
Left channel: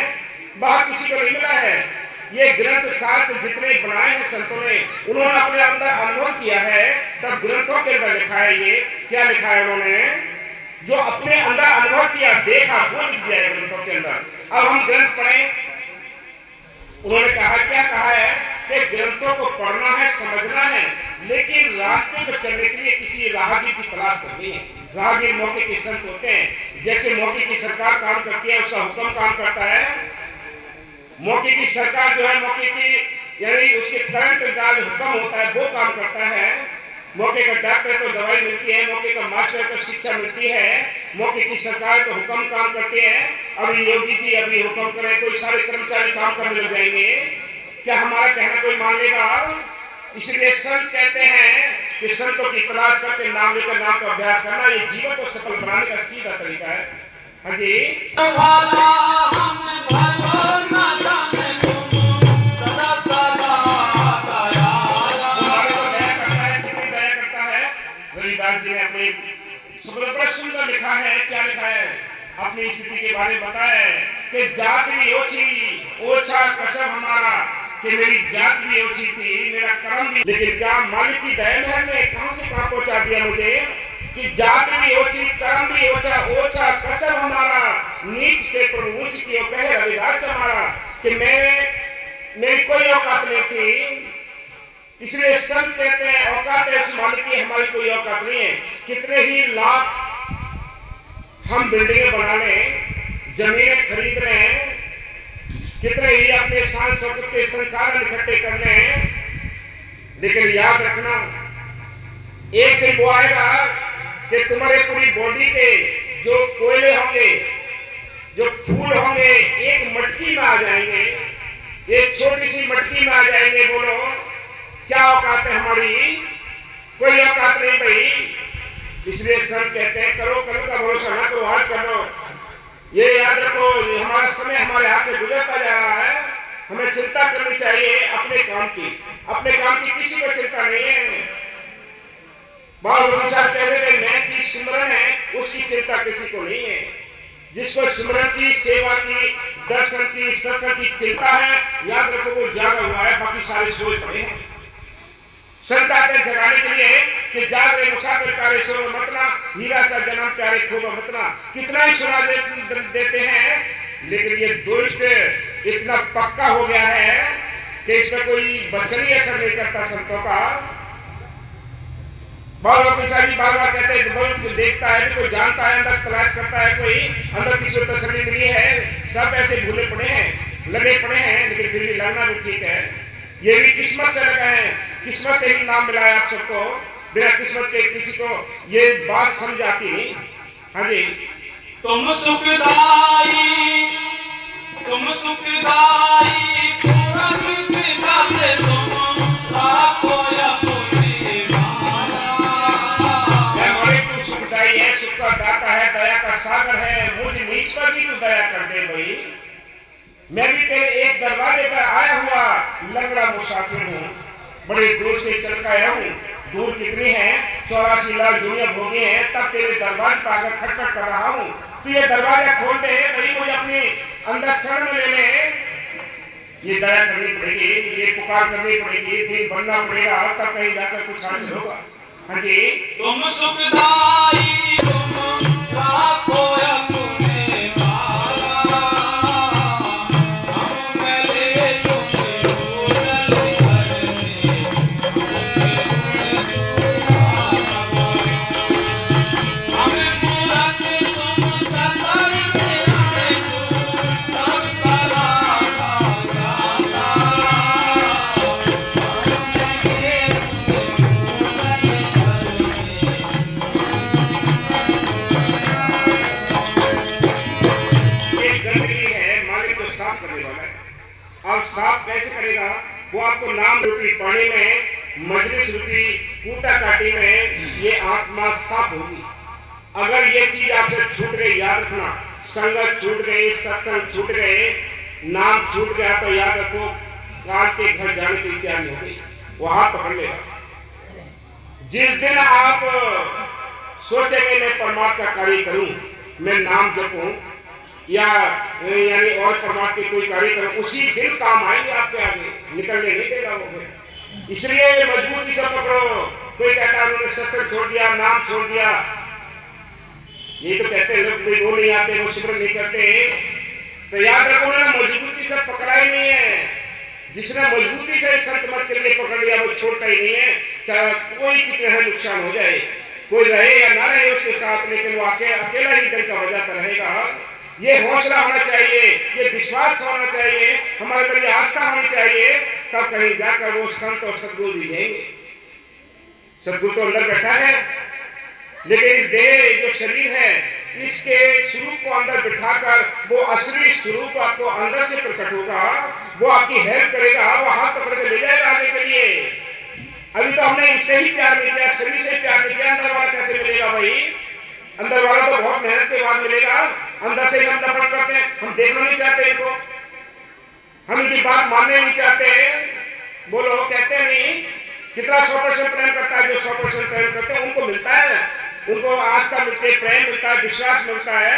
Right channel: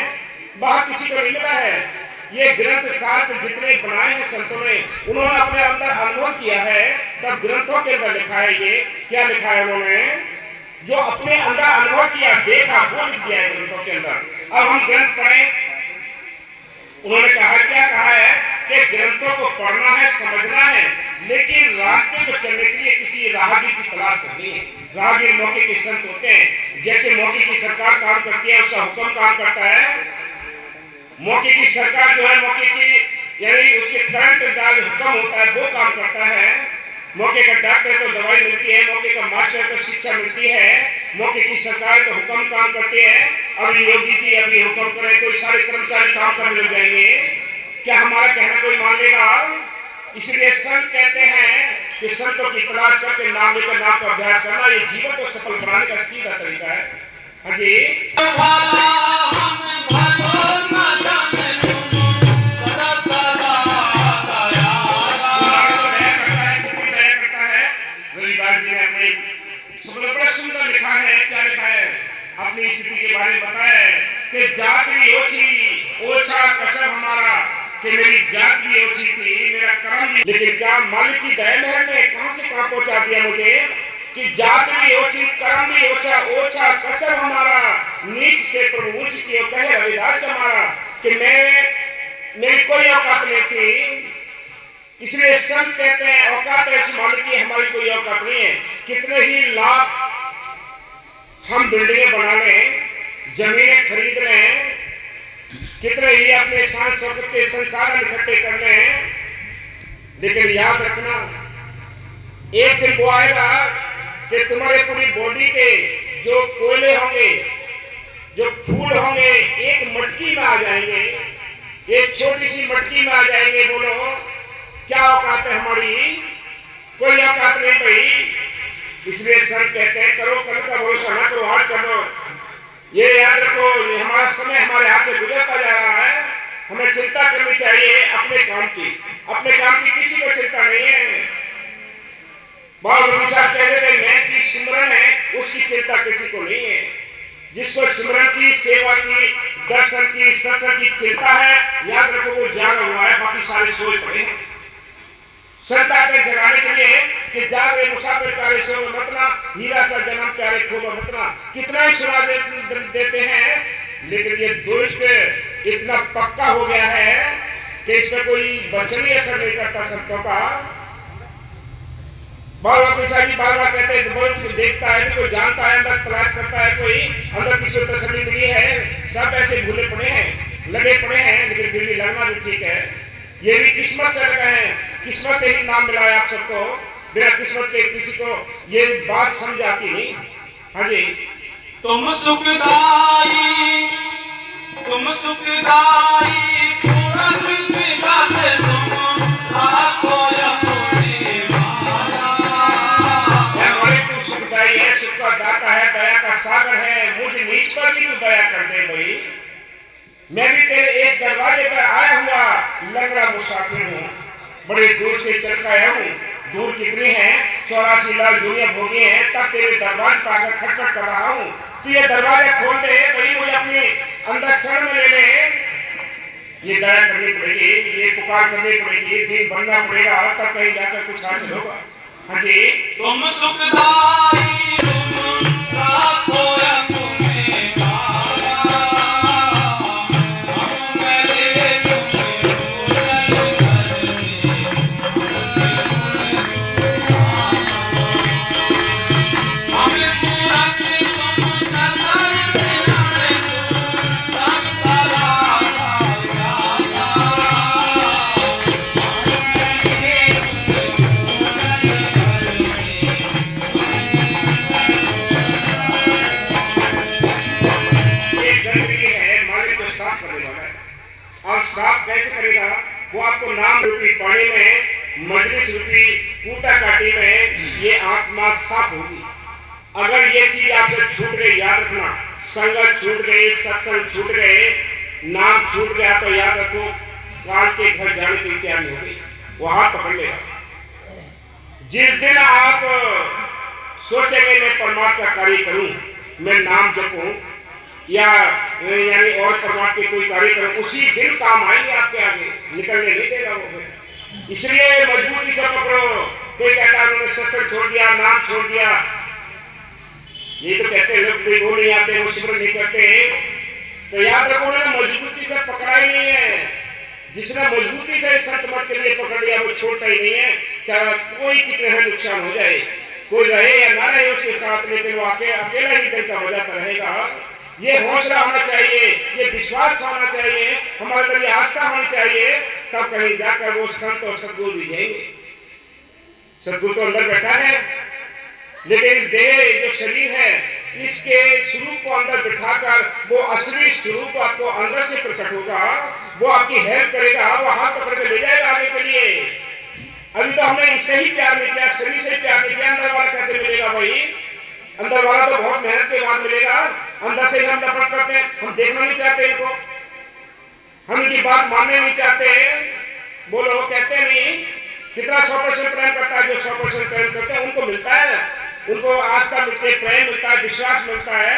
बाहर किसी को नहीं मिला है। ये ग्रंथ शास्त्र जितने बनाए हैं संतों ने, उन्होंने अपने अंदर अनुभव किया है, तब ग्रंथों के अंदर लिखा है। ये क्या लिखा है उन्होंने? जो अपने अंदर अनुभव किया, देखा, वो लिख दिया है ग्रंथों के अंदर। अब हम ग्रंथ पढ़ें, उन्होंने कहा, क्या कहा है कि ग्रंथों को पढ़ना है, समझना है, लेकिन रास्ते पर चलने के लिए किसी राहगीर की तलाश करनी है। राहगीर मौके के संत होते हैं, जैसे मौके की सरकार काम करती है, उसका हुक्म काम करता है। मौके की सरकार जो है, मौके की यानी उसके करंट का हुक्म होता है, वो काम करता है। मौके का डॉक्टर तो दवाई मिलती है, मौके का मास्टर तो शिक्षा मिलती है, मौके की सरकार तो हुक्म काम करती है। अभी योगी जी अभी हुक्म करे, कोई सारे कर्मचारी काम करने लग जाएंगे, क्या हमारा कहना कोई मान लेगा? इसलिए संत कहते हैं कि संतों की तलाश करके नाम लेकर नाम का अभ्यास करना, ये जीवन को सफल बनाने का सीधा तरीका है। हाँ जी, सुंदर लिखा है। क्या लिखा है? अपनी स्थिति के बारे में बताया है कि जात भी ओछी ओछा कसम हमारा, कि मेरी जात भी ओछी थी, मेरा कर्म भी, लेकिन क्या मालिक की दया मेहर ने कहां से कहां पहुंचा दिया मुझे कि जात भी ओछी, कर्म भी ओछा, ओछा कसम हमारा, नीच से प्रभु उच्च कियो, कहे रविदास हमारा, कि मेरी कोई औकात नहीं थी। इसलिए संत कहते हैं औकात है इस मालिक की, हमारी कोई औकात नहीं है। कितने ही लाख हम बिल्डिंगें बना लें, जमीनें खरीद लें, कितने ही अपने सांस्कृतिक के संसाधन इकट्ठे कर लें, लेकिन याद रखना एक दिन वो आएगा कि तुम्हारे पूरी बॉडी के जो कोयले होंगे, जो फूल होंगे, एक मटकी में आ जाएंगे, एक छोटी सी मटकी में आ जाएंगे। बोलो क्या औकात है हमारी? कोई औकात नहीं भाई। इसलिए संत कहते हैं करो कल का भरोसा ना करो, आज कर लो। ये याद रखो, ये हमारा समय हमारे हाथ से गुजरता जा रहा है, हमें चिंता करनी चाहिए अपने काम की। अपने काम की किसी को चिंता नहीं है। बाबा साहब कह रहे थे मैं की सिमरन है, उसकी चिंता किसी को नहीं है। जिसको सिमरन की, सेवा की, दर्शन की, सत्संग की चिंता है, याद रखो वो जागा हुआ है, बाकी सारे सोए पड़े हैं। संत आते जगाने के लिए कि जागे मुसाफिर प्यारे सो मतना, हीरा सा जन्म प्यारे खोब मतना। कितना ही सुना देते हैं, लेकिन ये दुष्ट इतना पक्का हो गया है कि इसमें कोई वचन असर नहीं करता संतों का। बाबा पिसाजी बार बार कहते हैं कोई देखता है, कोई जानता है, अंदर तलाश करता है, कोई अंदर किसी को तसल्ली मिली है। सब ऐसे भूले पड़े हैं, लगे पड़े हैं, लेकिन फिर भी लगना भी ठीक है। ये भी किस्मत से लगा है, किस्मत से ही नाम मिला है आप सबको। बिना किस्मत के किसी को ये बात समझ आती नहीं। हाँ जी, तुम सुखदाई, तुम सुखदाई, पूरन विधाते तुम, आपको अपनी माया। मैं बड़े दया कर दे भाई। मैं भी तेरे एक दरवाजे पर आया हुआ लंगड़ा मुसाफिर हूँ, बड़े दूर से चल कर आया हूँ। दूर कितनी है, 84 लाख दुनिया भोगी है, तब तेरे दरवाजे पर आकर खटखट कर रहा हूँ। तू ये दरवाजा खोल दे भाई, मुझे अपने अंदर शरण में ले ले। ये दया करनी पड़ेगी, ये पुकार करनी पड़ेगी, दिल बनना पड़ेगा, तब कहीं जाकर कुछ हासिल होगा। हाँ जी। तुम सुखदाई तुम राखो अपने पारा, हम मिले तुम्हें हमें पूरा तुम चंदर से हमें सब करा और साफ कैसे करेगा? वो आपको नाम रूपी पानी में, मजलिस रूपी कूटा काटी में ये आत्मा साफ होगी। अगर ये चीज आपसे छूट गई, याद रखना, संगत छूट गई, सत्संग छूट गए, नाम छूट गया, तो याद रखो काल के घर जाने की तैयारी हो गई, वो हाथ पकड़ लेगा। जिस दिन आप सोचेंगे मैं परमात्मा का कार्य करूं, मैं नाम जपूं या यानी और परमात्मा के कोई कार्य करो, उसी दिन काम आएंगे आपके आगे, निकलने नहीं देगा वो। इसलिए मजबूती से पकड़ो। कोई कहता है उन्होंने सत्संग छोड़ दिया, नाम छोड़ दिया, यही तो कहते हैं लोग, वो नहीं आते, वो सिमरन नहीं करते, तो याद रखो उन्होंने मजबूती से पकड़ा ही नहीं है। जिसने मजबूती से संत मत के लिए पकड़ लिया वो छोड़ता ही नहीं है, चाहे कोई कितना नुकसान हो जाए, कोई रहे या ना रहे उसके साथ, लेकिन वो अकेला ही डर का बजाता रहेगा। ये हौसला होना चाहिए, ये विश्वास होना चाहिए, हमारे अंदर ये आस्था होनी चाहिए, तब कहीं जाकर वो संत और सदगुरु भी जाएंगे। सदगुरु तो अंदर बैठा है, लेकिन इस देह जो शरीर है इसके स्वरूप को अंदर बिठाकर वो असली स्वरूप आपको अंदर से प्रकट होगा, वो आपकी हेल्प करेगा, वो हाथ पकड़ के ले जाएगा आगे के लिए। अभी तो हमने इससे ही प्यार नहीं किया, शरीर से ही प्यार नहीं किया, अंदर वाला कैसे मिलेगा भाई? अंदर वाला तो बहुत मेहनत के बाद मिलेगा, अंदर से ही हम नफरत करते हैं, हम देखना नहीं चाहते इनको, हम इनकी बात मानने नहीं चाहते। बोलो, कहते नहीं कितना 100% प्रेम करता है, जो 100% प्रेम करते हैं उनको मिलता है, उनको आस्था मिलती है, प्रेम मिलता है, विश्वास मिलता है,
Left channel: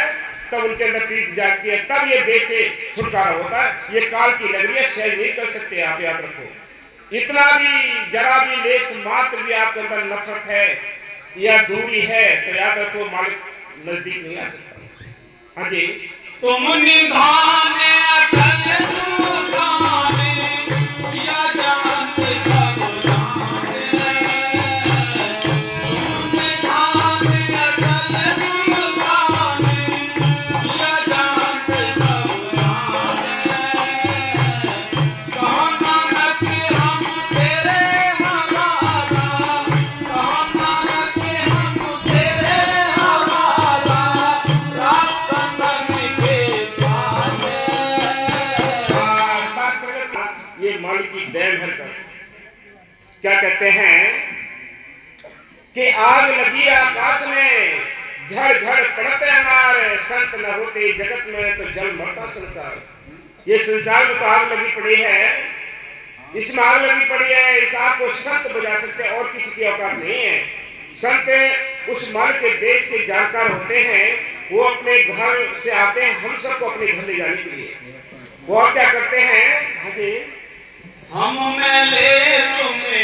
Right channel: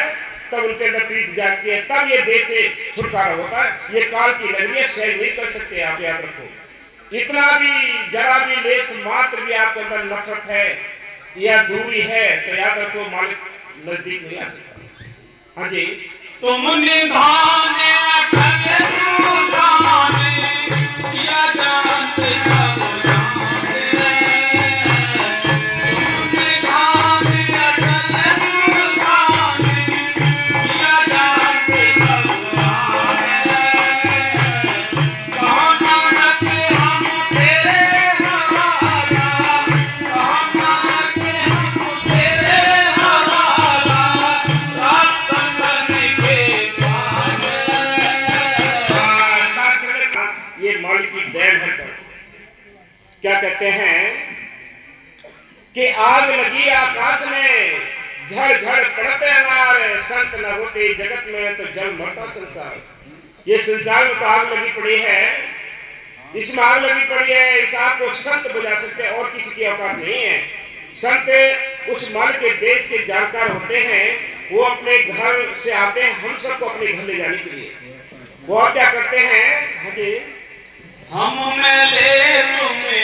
तब उनके अंदर प्रीति जागती है, तब ये देह से छुटकारा होता है। ये काल की लहरी है, सहज नहीं कर सकते आप, याद रखो। इतना भी जरा भी लेस मात्र भी आपके अंदर नफरत है या दूरी है, तो याद रखो मालिक नजदीक नहीं आ सकता। हाँ जी। तुम निधाने अटल सुधाने किया जानते सब जाने, तुम निधाने अटल सुधाने किया जानते सब जाने, कहो नानक हम तेरे हवाला, कहो नानक हम तेरे हवाला, रात संगन के पावे। ये मालिक की देन है। कर क्या कहते हैं कि आग लगी आकाश में, झड़ झड़ पड़ते अनार, संत न होते जगत में तो जल मरता संसार। ये संसार में तो आग लगी पड़ी है, इसमें आग लगी पड़ी है, इस आग को संत बुझा सकते हैं, और किसी की औकात नहीं है। संत उस मालिक के देश के जानकार होते हैं, वो अपने घर से आते हैं हम सबको अपने घर ले जाने के लिए। वो और क्या करते हैं? हाँ जी। हम मिले तुम्हें